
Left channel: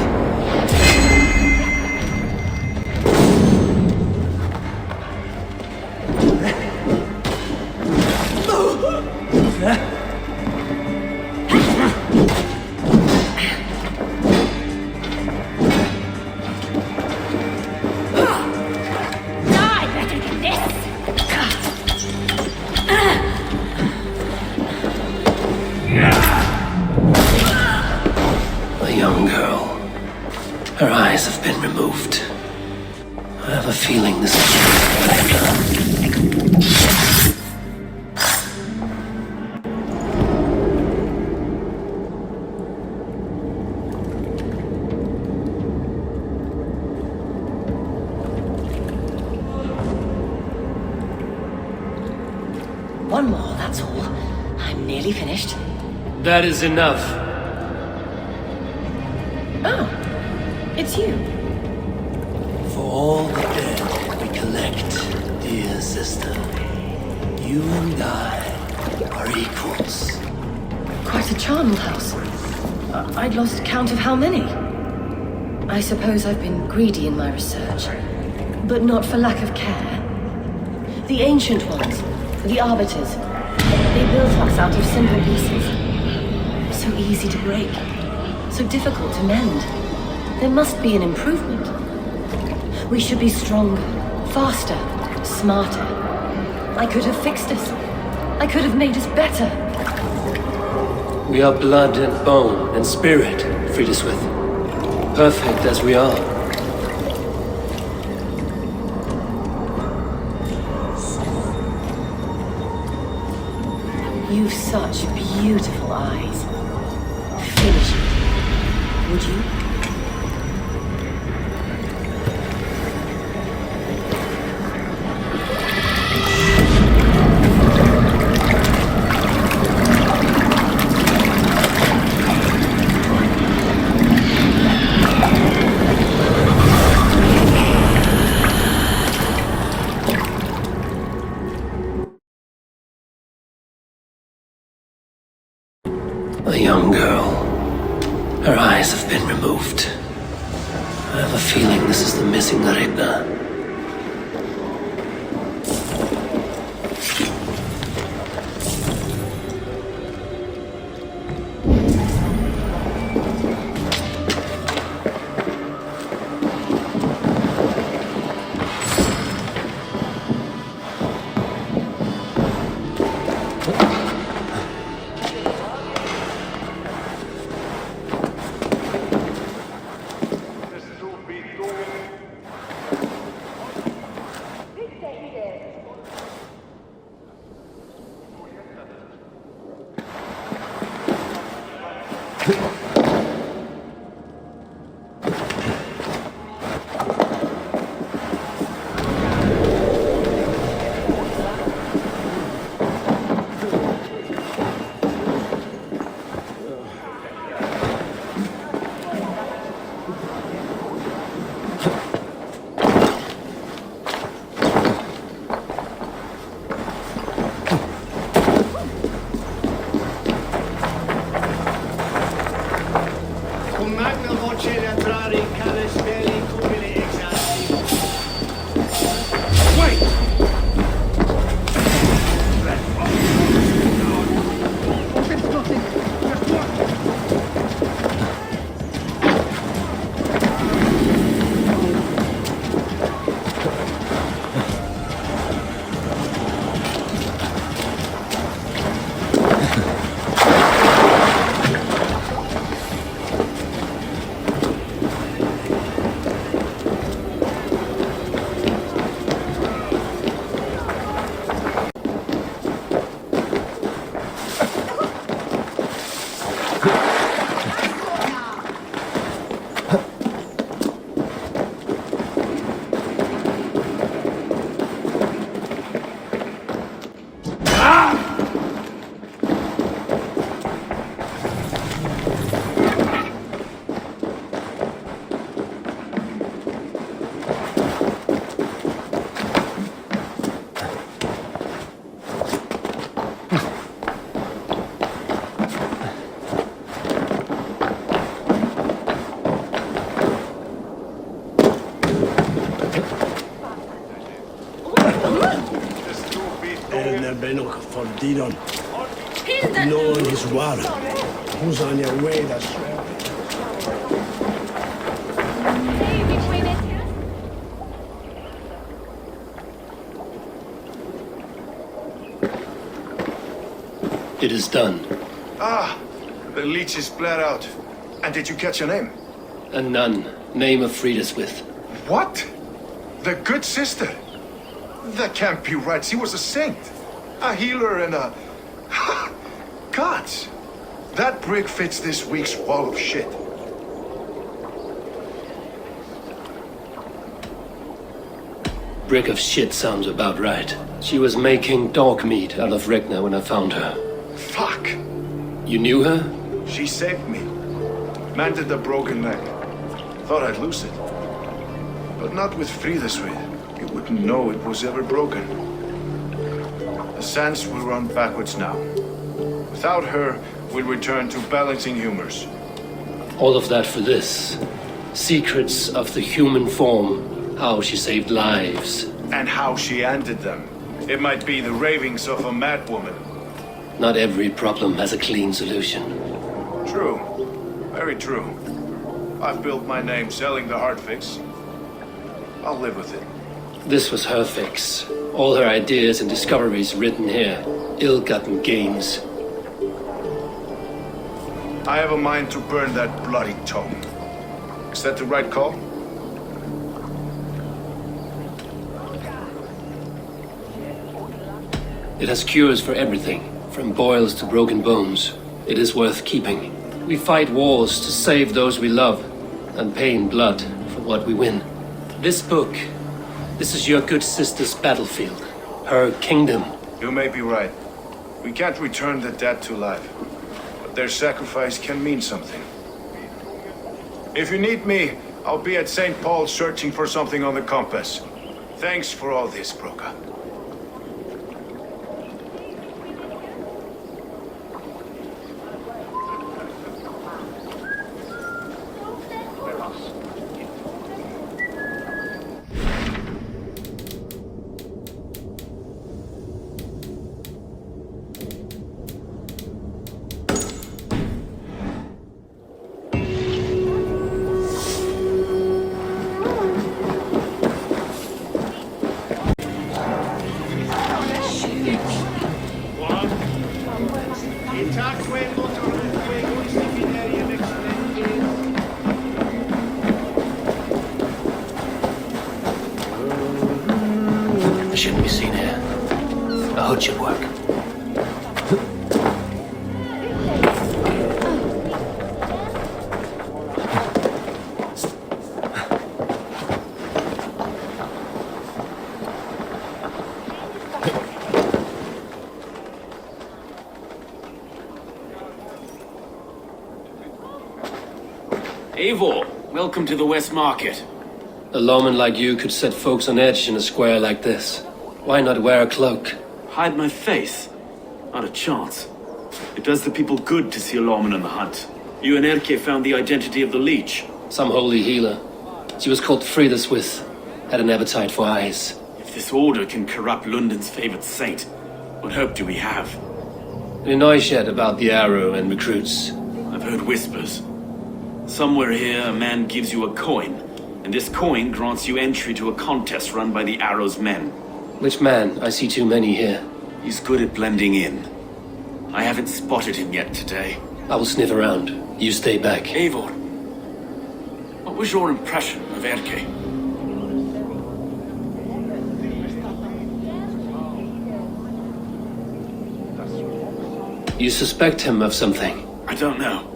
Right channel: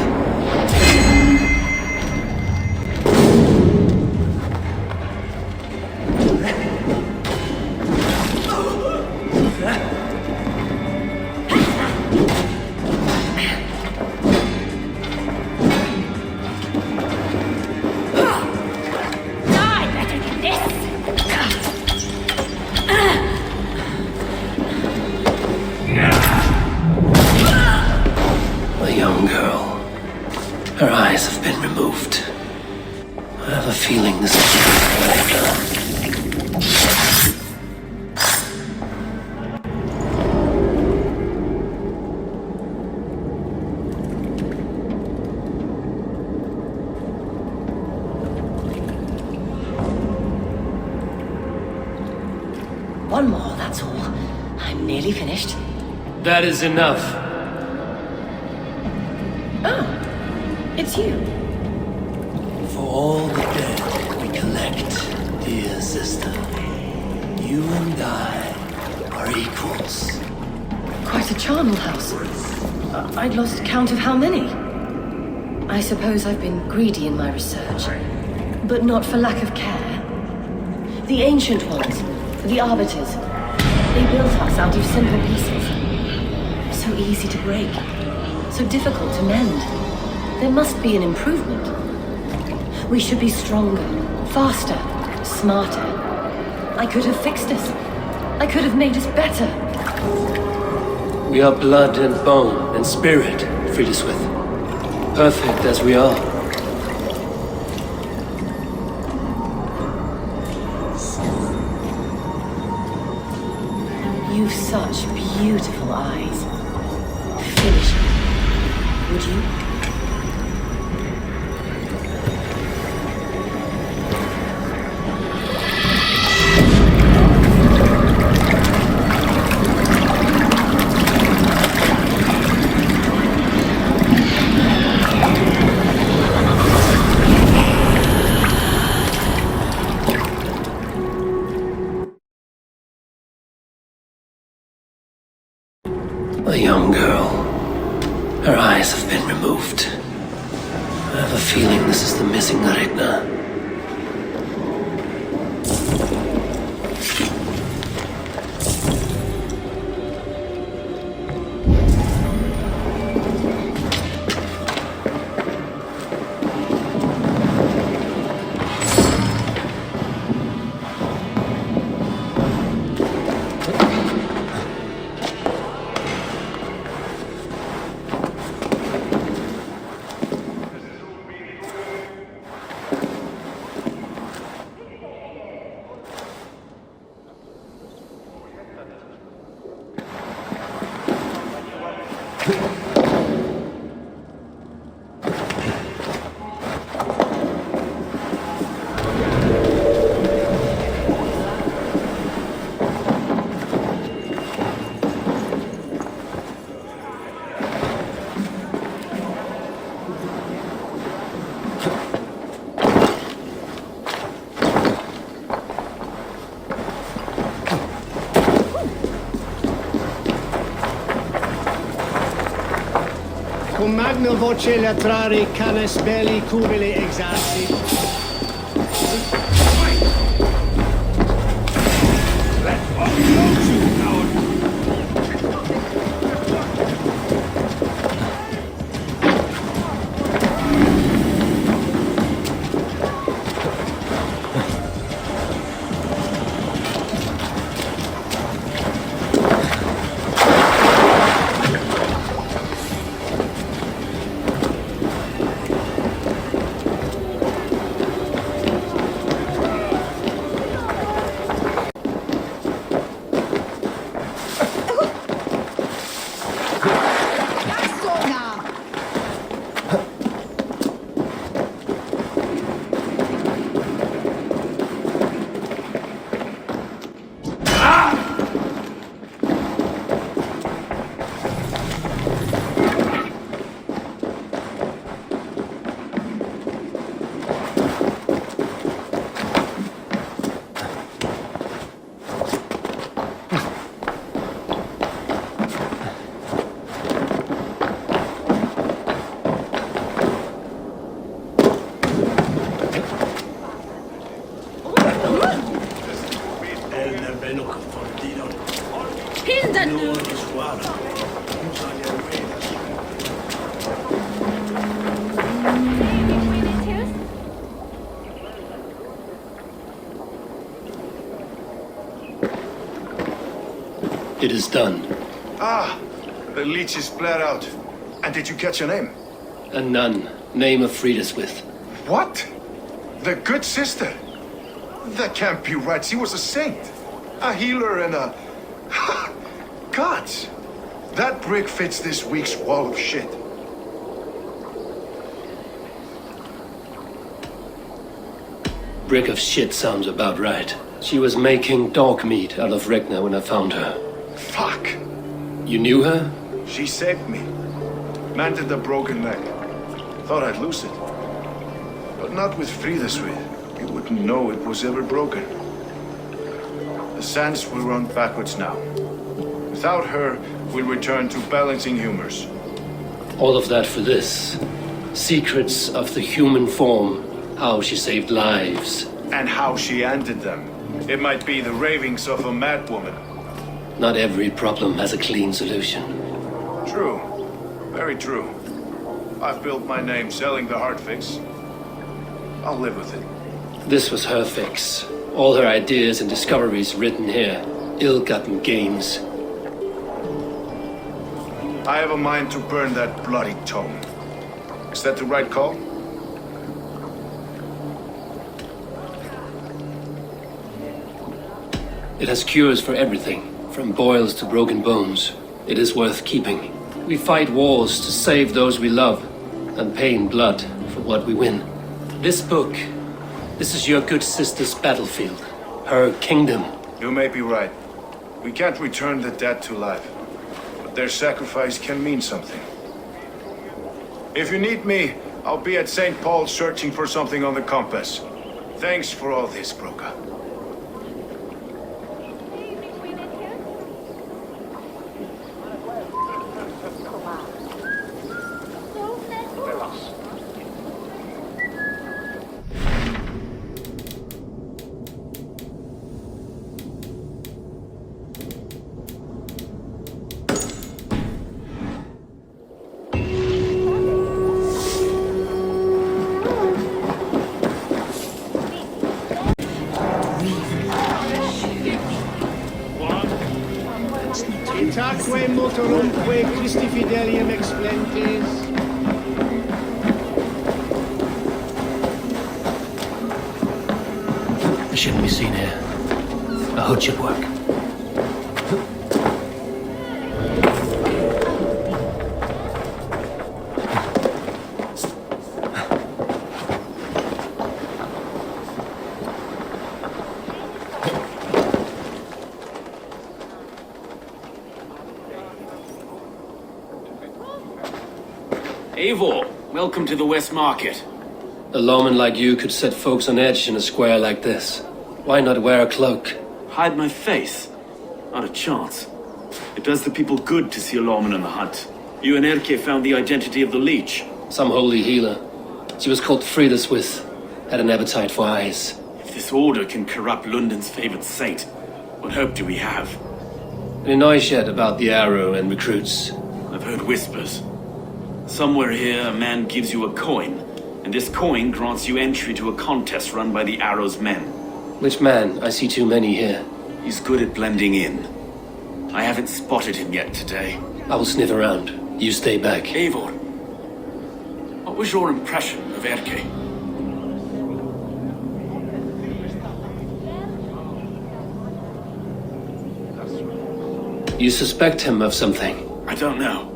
A young girl. Her eyes have been removed. I have a feeling this is what I've done. One more, that's all. I'm nearly finished. That is enough. Oh, it's you. For all the dead we collect, dear sister, you and I are equals. quite a charnel house. I'd lost count of how many. I suppose I've been greedy in my research, but not for lack of care. The ancient ones, the arbiters, they built us out of simple pieces. So easy to break, so difficult to mend. There must be an improvement. We should be stronger, faster, smarter. I could have fixed us. I could have made us better. We are blood and bone and spirit, Friedeswith. Perfect as we are. You've such beautiful eyes. Finish it, would you? A young girl. Her eyes have been removed. I have a feeling this is the missing Ragnar. Cum magna voce latrare canes belli cumuli exalti. Didon. No one is water. Who's on your way, that's It is done. Ah, the leech is bled out. And did you catch her name? A nun, name of Friedeswith. What? The good sister? That can't be right. She was a saint. A healer and a... Gods! That brick fits this week's wall of shit. Brick of shit sounds about right. She was making dog meat out of Ragnar when I found her. Fuck! You knew her? She saved me. Mended a broken leg. Thought I'd lose it. But not with Friedeswith. You wouldn't know it was ever broken. The sands will run backwards now. Without her, we'll return to balancing humors. All of that for this. Secrets of the human form. How she saved lives. And how she ended them. It might be the ravings of a madwoman. Not every problem has a clean solution. True. Very true. I've built my name selling the heart fix. I'll live with it. This was her fix. All her ideas and discoveries written here. Ill-gotten gains. I have a mind to burn that bloody tome. Is that the right call? It has cures for everything, from boils to broken bones. It is worth keeping. We fight wars to save those we love, and pay in blood for what we win. This book, this is your good sister's battlefield. Her kingdom. You may be right. We can't return the dead to life. But their sacrifice can mean something. If you need me, I'll be at St. Paul's searching for something on the compass. Thanks for all this, Broca. I shouldn't be seen here. A hood should work. Eivor, welcome to the West Market. A lawman like you could set folks on edge in a square like this. Why not wear a cloak? Hide my face? Not a chance. It does the people good to see a lawman on the hunt. You and Erke found the identity of the leech. Some holy healer. She was called Frida Swith. Had an appetite for eyes. If this order can corrupt London's favored saint, what hope do we have? Any noise yet about the arrow and recruits? I've heard whispers. Somewhere here, a man gives you a coin, and this coin grants you entry to a contest run by the Arrow's men. Which man? I see too many here. He's good at blending in. I haven't spotted him yet today. I will sniff around. You stay back. Eivor, what was your impression of Erke? You suspect him of something? I don't know.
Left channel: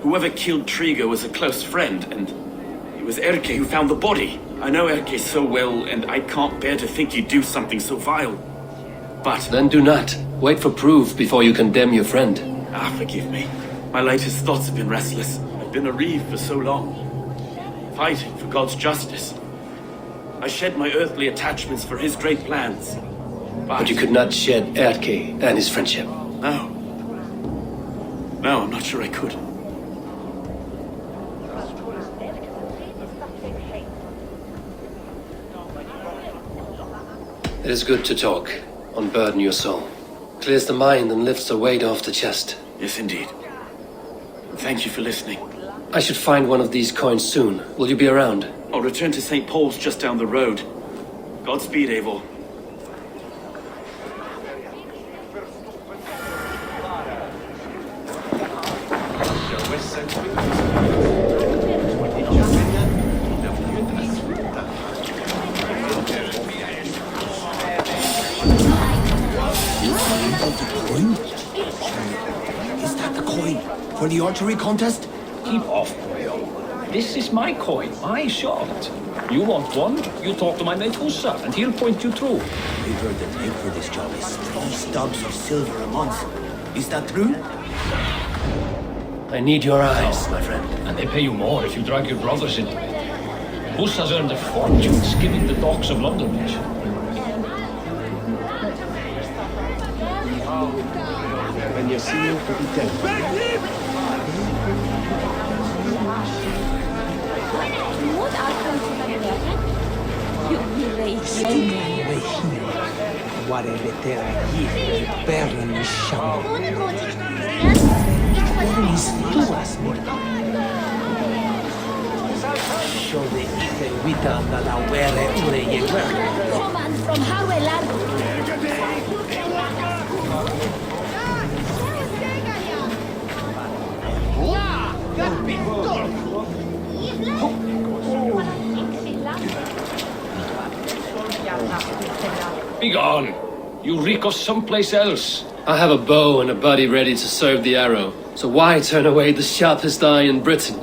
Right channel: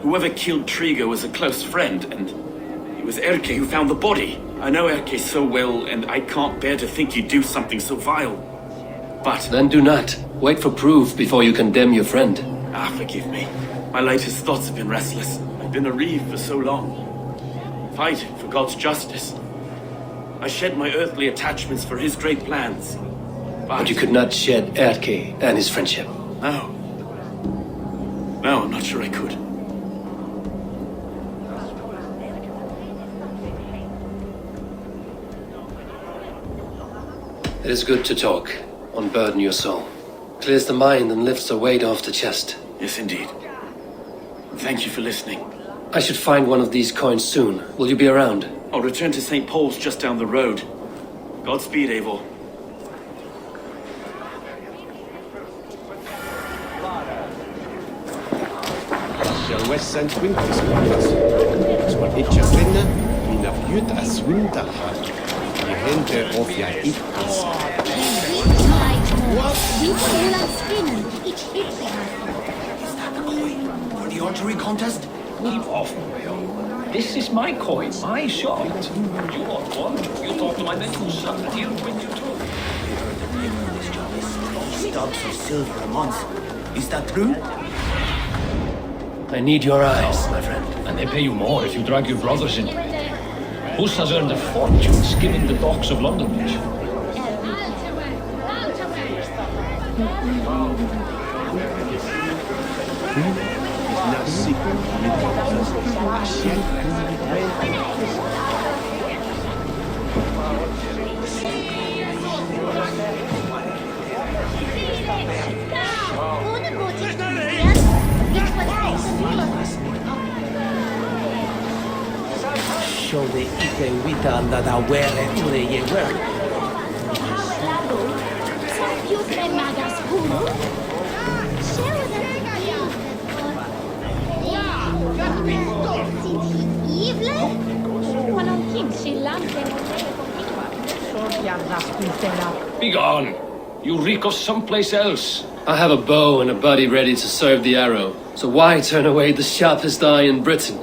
Whoever killed Trigo was a close friend, and it was Erke who found the body. I know Erke so well, and I can't bear to think he'd do something so vile. But... Then do not. Wait for proof before you condemn your friend. Forgive me. My latest thoughts have been restless. I've been a reeve for so long. Fighting for God's justice. I shed my earthly attachments for his great plans. But you could not shed Erke and his friendship. No. No, I'm not sure I could. It is good to talk, unburden your soul. Clears the mind and lifts a weight off the chest. Yes, indeed. And thank you for listening. I should find one of these coins soon. Will you be around? I'll return to St. Paul's just down the road. Godspeed, Eivor. For the archery contest? Keep off, boyo. This is my coin, my shot. You want one? You talk to my mate Hussa, and he'll point you through. We heard the take for this job is 3 stubs of silver a month. Is that true? I need your eyes, my friend. And they pay you more if you drag your brothers into it. Hussa's earned a fortune skimming the docks of London Bridge. Şöyle ite vitanna da vere ureye vere. Begone! You reek of someplace else. I have a bow and a buddy ready to serve the arrow, so why turn away the sharpest eye in Britain?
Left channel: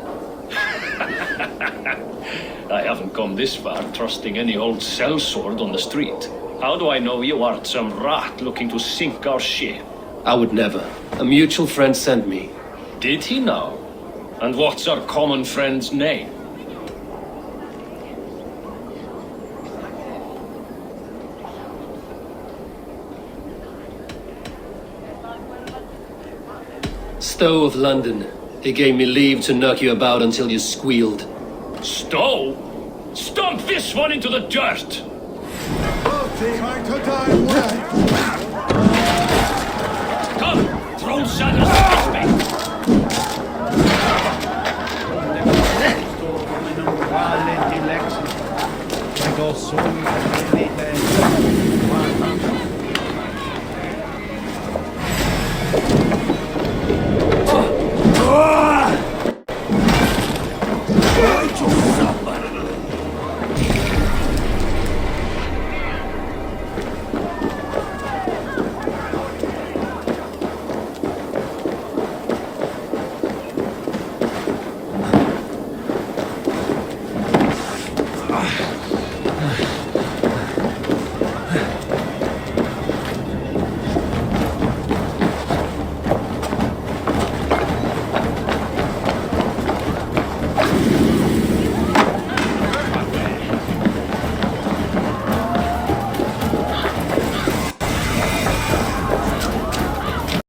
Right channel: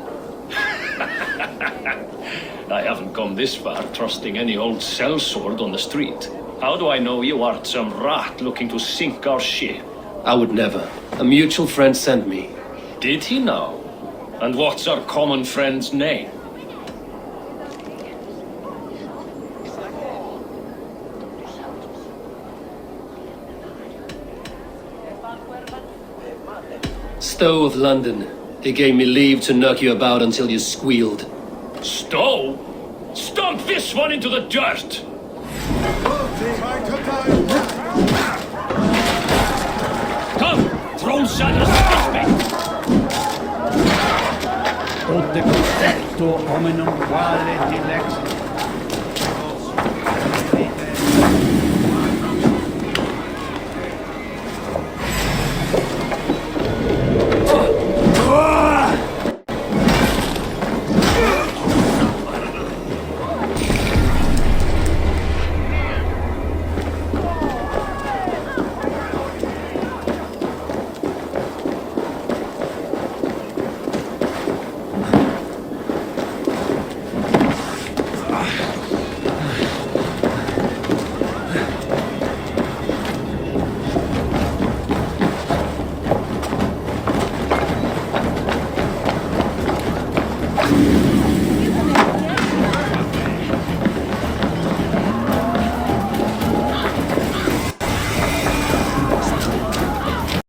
I haven't come this far trusting any old sellsword on the street. How do I know you aren't some rat looking to sink our ship? I would never. A mutual friend sent me. Did he now? And what's our common friend's name? Stowe of London. He gave me leave to knock you about until you squealed. Stowe? Stomp this one into the dirt! Come, throw Sanders against me!